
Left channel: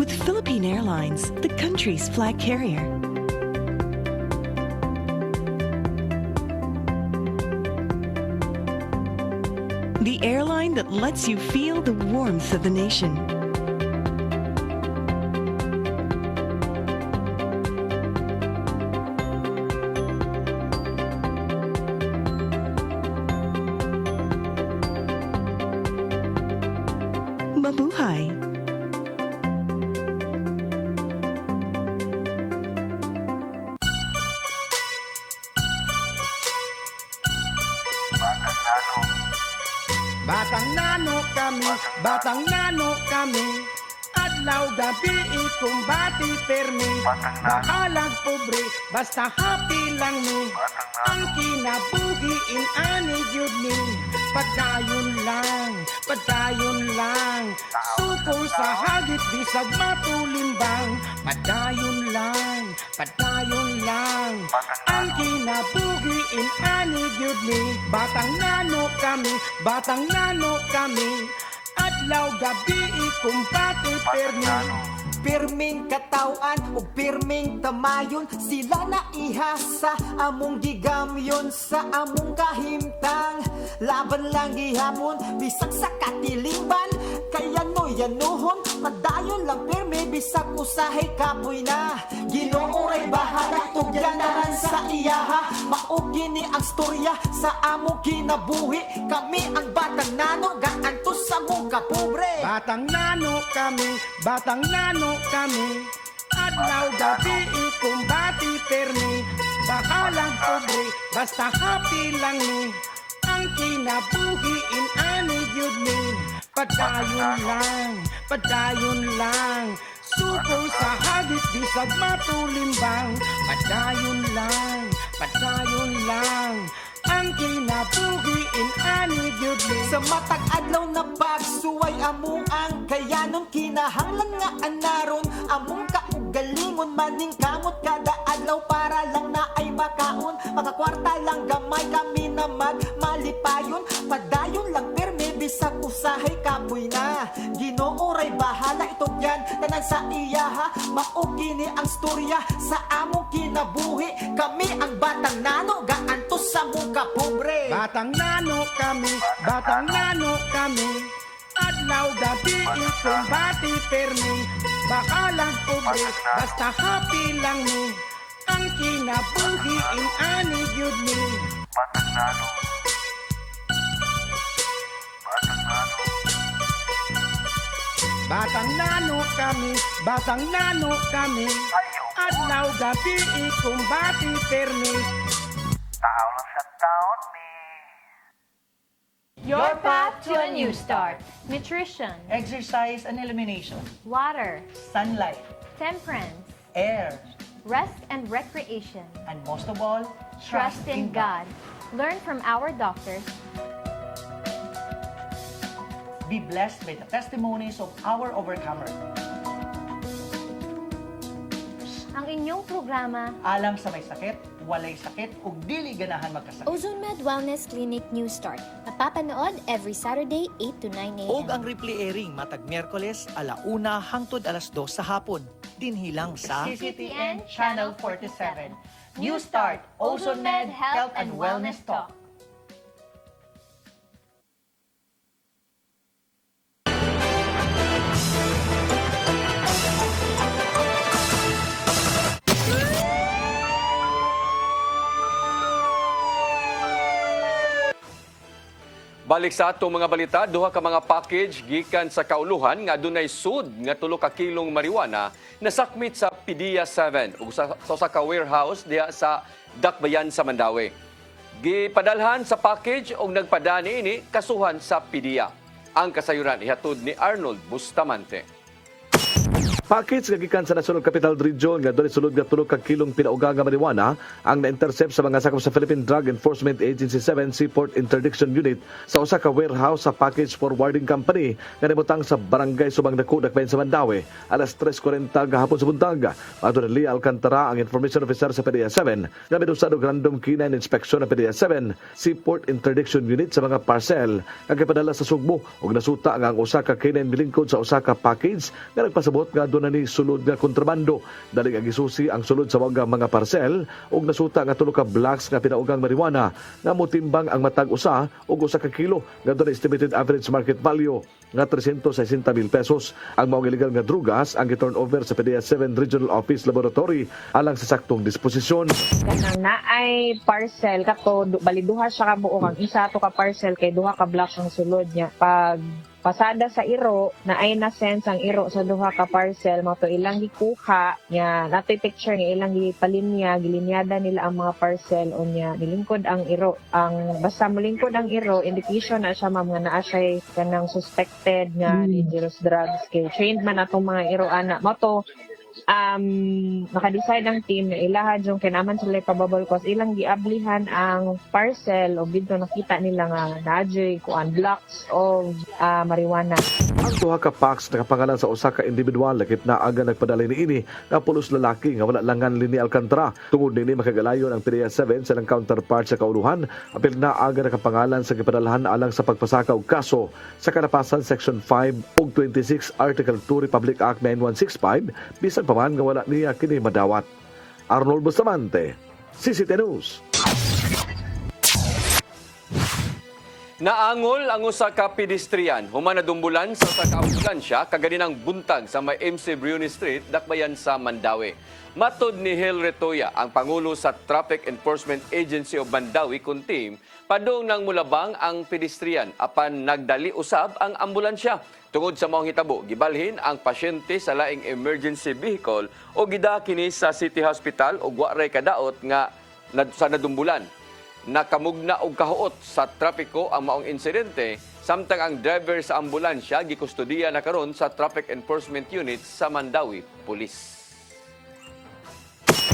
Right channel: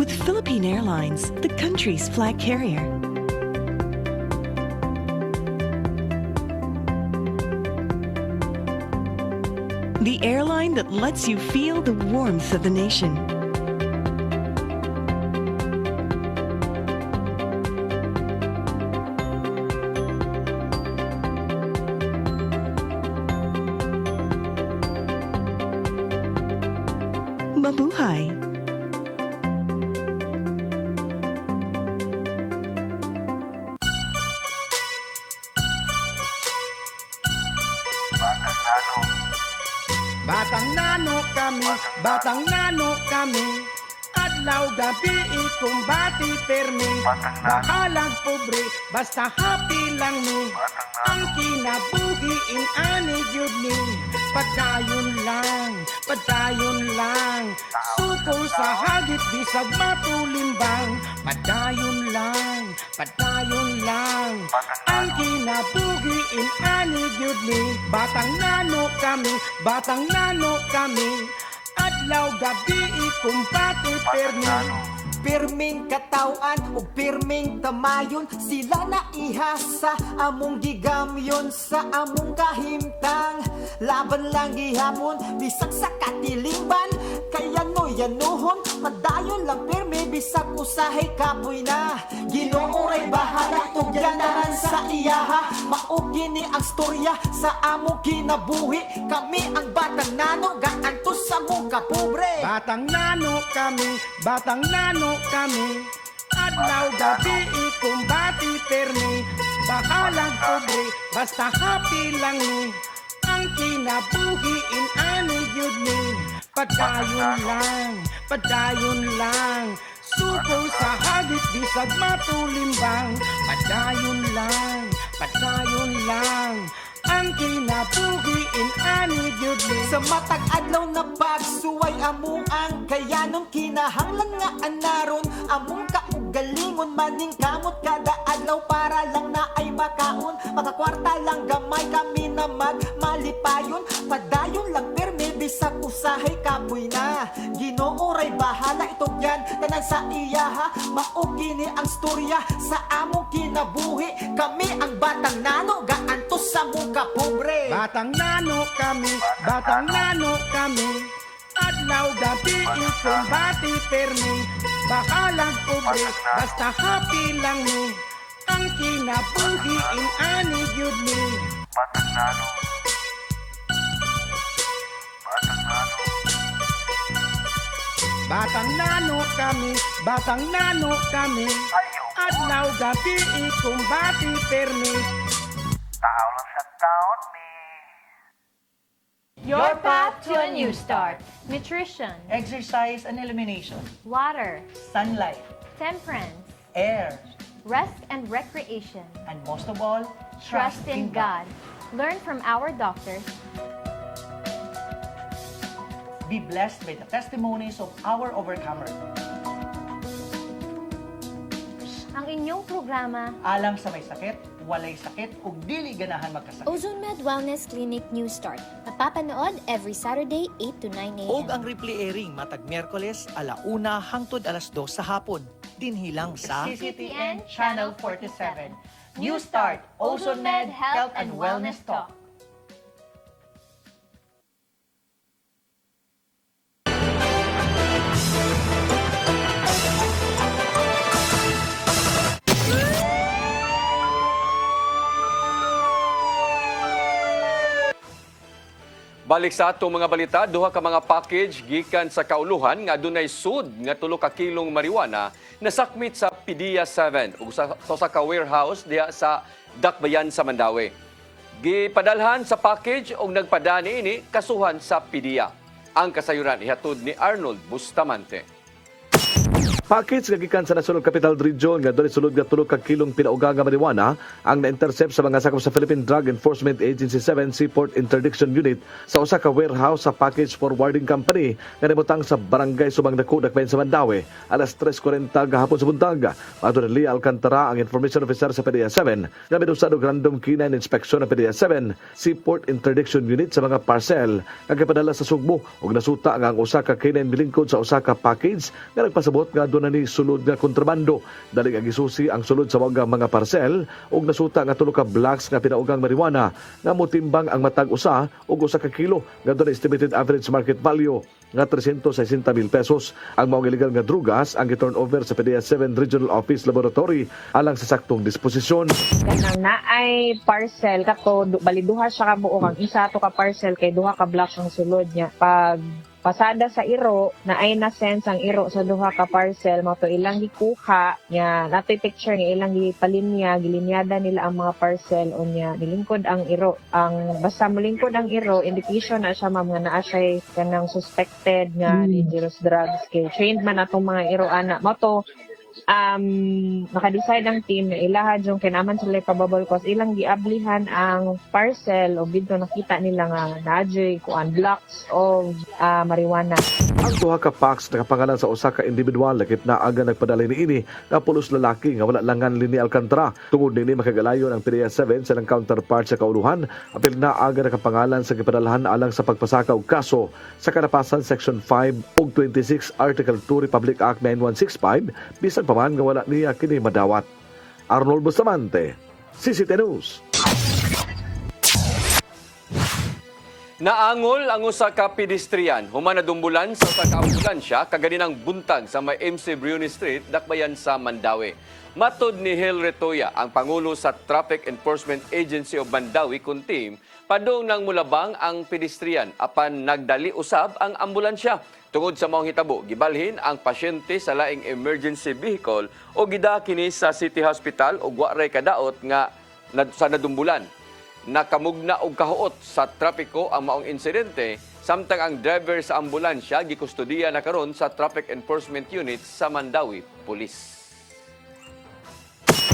With Philippine Airlines, the country's flag carrier. The airline that lets you feel the warmth of the nation. Mabuhay! Batang nano kami, adlaw gabi ikumbati permi, bakalang pobre, basta happy lang ni, ang kinabuhiin ani gyud ni, padayon lang, suko sa hagit bisag matulimbang, padayon lang, ang kinabuhiin ani gyud ni, batang nano kami, adlaw gabi ikumpati pirming katawan o pirming kamayon, sila na ihasa among gigamyon sa among kahimtang, laban lang gihapon bisag sa katilingban, kaya no yanuhon padayon lang pirmi bisag usahay kapoy na, Ginoo ay bahala tugyanaran sa iyaha, maugi ni ang storya sa among kinabuhi, kami ang batang nano gaantos sa mong kapobre, batang nano kami, adlaw gabi ikumbati permi, bakalang pobre, basta happy lang ni, ang kinabuhiin ani gyud ni, padayon lang, suko sa hagit bisag matulimbang, padayon lang, ang kinabuhiin ani gyud ni, sa matag adlaw na pagsuway among ang kayanon, kinahanglan nga anaron among kaugalingon, maning kamot kada adlaw para lang na ay makaon, makakwarta lang gamay kami na magmalipayon, padayon lang perme bisag usahay kapoy na, Ginoo ray bahala itugyan tanan sa iyaha, maugi ni ang storya sa among kinabuhi, kami ang batang nano gaantos sa mong kapobre, batang nano kami, adlaw gabi ikumbati permi, bakalang pobre, basta happy lang ni, ang kinabuhiin ani gyud ni, batang nano kami, adlaw gabi ikumbati permi, Your path to a new start. Nutrition, Exercise and elimination. water, Sunlight. temperance, Air. rest and recreation. And most of all, Trust in God. Learn from our doctors. Be blessed by the testimonies of our overcomers. Ang inyong programa, Alam sa may sakit, walay sakit, ug dili ganahan magkasakit. Ozone Med Wellness Clinic News Start. Mapapanood every Saturday 8 to 9 a.m. Og ang replay airing matag Miyerkules 1:00 hangtod 2:00 sa hapon. Dinhilang sa CCTN Channel 47. News Start, Ozone Med Health and Wellness Talk. Balik sa atong mga balita, duha ka mga package gikan sa kauluhan nga adunay sud nga 3 ka kilong marijuana nasakmit sa PDEA 7 ug sa usa ka warehouse diha sa Dakbayan sa Mandawi. Gipadalhan sa package og nagpadani ini kasuhan sa PDEA. Ang kasayuran ihatod ni Arnold Bustamante. Package nga gikan sa National Capital Region nga dali sulod nga 3 ka kilong pinauga nga marijuana ang na-intercept sa mga sakop sa Philippine Drug Enforcement Agency 7 Seaport Interdiction Unit sa usa ka warehouse sa Package Forwarding Company nga nabutang sa Barangay Subang Dako, Dakbayan sa Mandawi alas 3:40 gahapon sa buntag. Adto ni Lia Alcantara, ang information officer sa PDEA 7 nga midusad og random canine inspection ng PDEA 7 Seaport Interdiction Unit sa mga parcel nga gipadala sa Sugbo ug nasuta nga ang usa ka canine milingkod sa usa ka package nga nagpasabot nga na ni sulod nga kontrabando. Dali nga gisusi ang sulod sa mga parcel ug nasuta nga 3 ka blocks nga pinaugang marijuana nga motimbang ang matag usa ug usa ka kilo nga doon estimated average market value nga 360,000 pesos. Ang mga illegal nga drugas ang giturn over sa PDEA 7 Regional Office Laboratory alang sa saktong disposisyon. Kanang naay parcel kato bali duha siya ka buo ang isa to ka parcel kay duha ka blocks ang sulod niya. Pag pasada sa iro na ay na sense ang iro sa duha ka parcel mo to ilang gikuha nya nato picture nga ilang gipalinya gilinyada nila ang mga parcel o nya nilingkod ang iro ang basta molingkod ang iro indication na siya mga naa siya kanang suspected nga dangerous drugs kay trained man atong mga iro ana mo to naka-decide ang team na ilahad yung kinaman sila probable cause ilang giablihan ang parcel o bidto nakita nila nga naadyoy kuan blocks of marijuana. Ang duha ka packs nakapangalan sa usa ka individual lakip na aga nagpadalay niini nga pulos lalaki nga wala langan Lini Alcantara. Tungod nini makagalayon ang PDEA 7 sa counterpart sa kauluhan apil na aga nakapangalan sa gipadalahan alang sa pagpasaka og kaso sa kalapasan Section 5 ug 26 Article 2 Republic Act 9165 bisan pa man nga wala niya kini madawat. Arnold Bustamante, CCT News. Naangol ang usa ka pedestrian human nadumbulan sa usa ka ambulansya kaganinang buntag sa may MC Bruni Street, Dakbayan sa Mandawi. Matod ni Hel Retoya, ang pangulo sa Traffic Enforcement Agency of Mandawi kun team, padung nang mulabang ang pedestrian apan nagdali usab ang ambulansya. Tungod sa maong hitabo, gibalhin ang pasyente sa laing emergency vehicle o gida kini sa City Hospital o waray kadaot nga sa nadumbulan. Nakamugna og kahuot sa trapiko ang maong insidente, samtang ang driver sa ambulansya gikustudiya na karon sa Traffic Enforcement Unit sa Mandawi Police.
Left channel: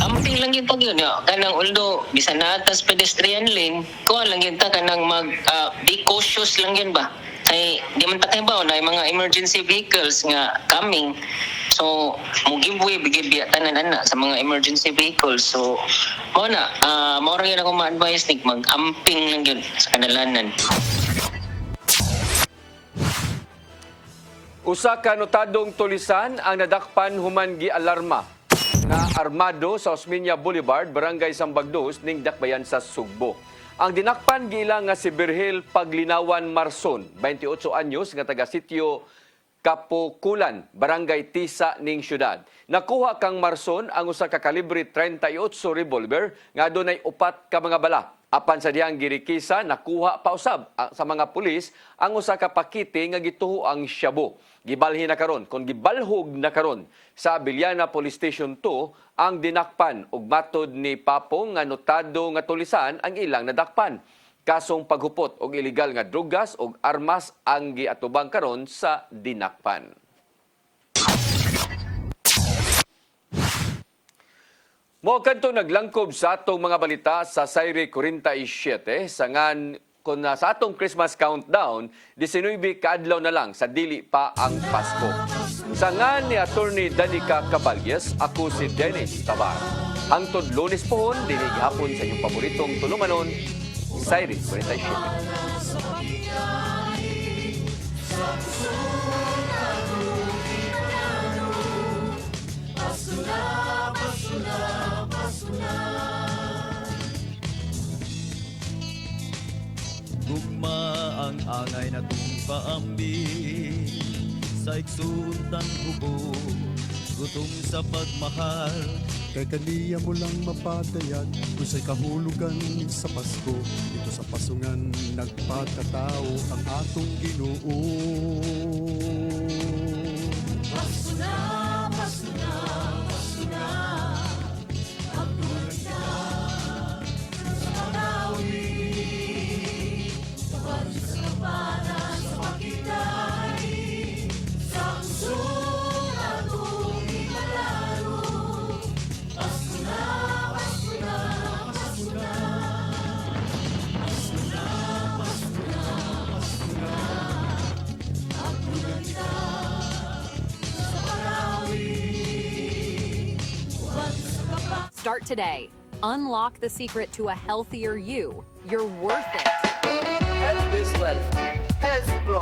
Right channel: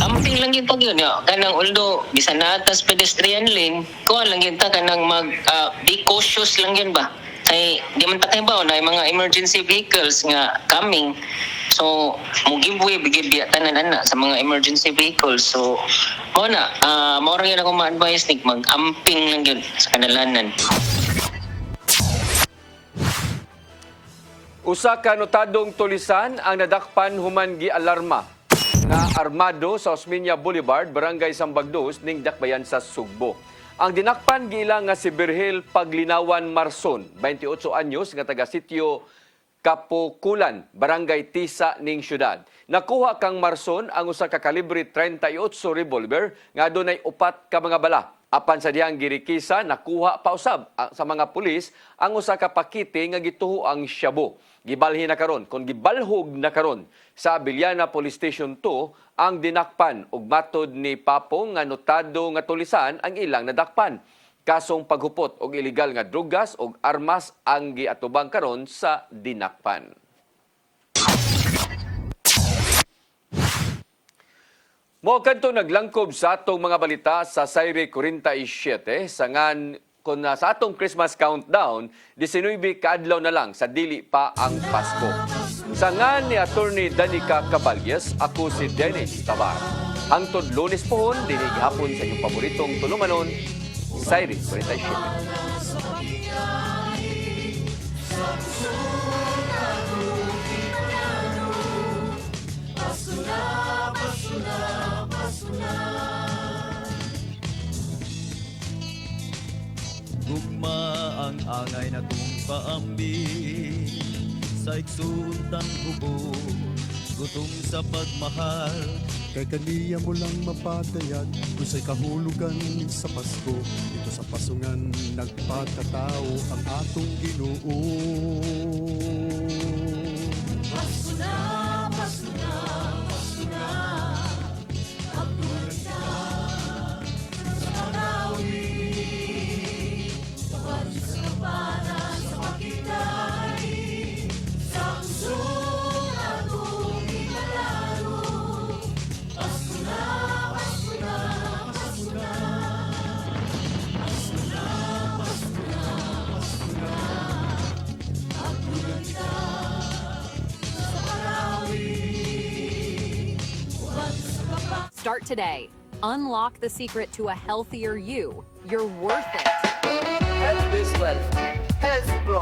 Amping lang yung yun, kanang although bisan na atas pedestrian lane, kuha lang yun ta kanang be cautious lang yun ba? Ay, di man takay ba na mga emergency vehicles nga coming. So, mo giveaway bigid biya tanan ana sa mga emergency vehicles. So, mo na rin ako ma-advise ni mag-amping lang yun sa kanalanan. Usa ka notadong tulisan ang nadakpan human gi-alarma na armado sa Osmeña Boulevard, Barangay Sambagdos ning Dakbayan sa Sugbo. Ang dinakpan gila nga si Virgil Paglinawan Marson, 28 anyos nga taga sitio Kapukulan, Barangay Tisa ning syudad. Nakuha kang Marson ang usa ka kalibre 38 revolver nga adunay 4 ka mga bala. Apan sa dihang girikisa nakuha pa usab sa mga pulis ang usa ka pakite nga gituho ang shabu. Gibalhin na karon kung gibalhog na karon sa Abiliana Police Station 2 ang dinakpan ug matod ni Papong nga notado nga tulisan ang ilang nadakpan. Kasong paghupot og illegal nga drugas ug armas ang giatubang karon sa dinakpan. Mo kadto naglangkob sa atong mga balita sa Sayre 47 sangan kung sa atong Christmas countdown, 19 kaadlaw na lang sa dili pa ang Pasko. Sangan ni Attorney Danica Caballes, ako si Dennis Tabar. Hangtod Lunes pohon, dinig hapon sa inyong paboritong tulumanon, Sayre 47. Gugma ang angay na kong kaambing sa iksuntan hubog, gutom sa pagmahal. Kay kaniya mo lang mapatayag, isa'y kahulugan sa Pasko. Ito sa pasungan nagpakatao ang atong Ginoo. Pasko na, Pasko na, Pasko na. Start today. Unlock the secret to a healthier you. You're worth it.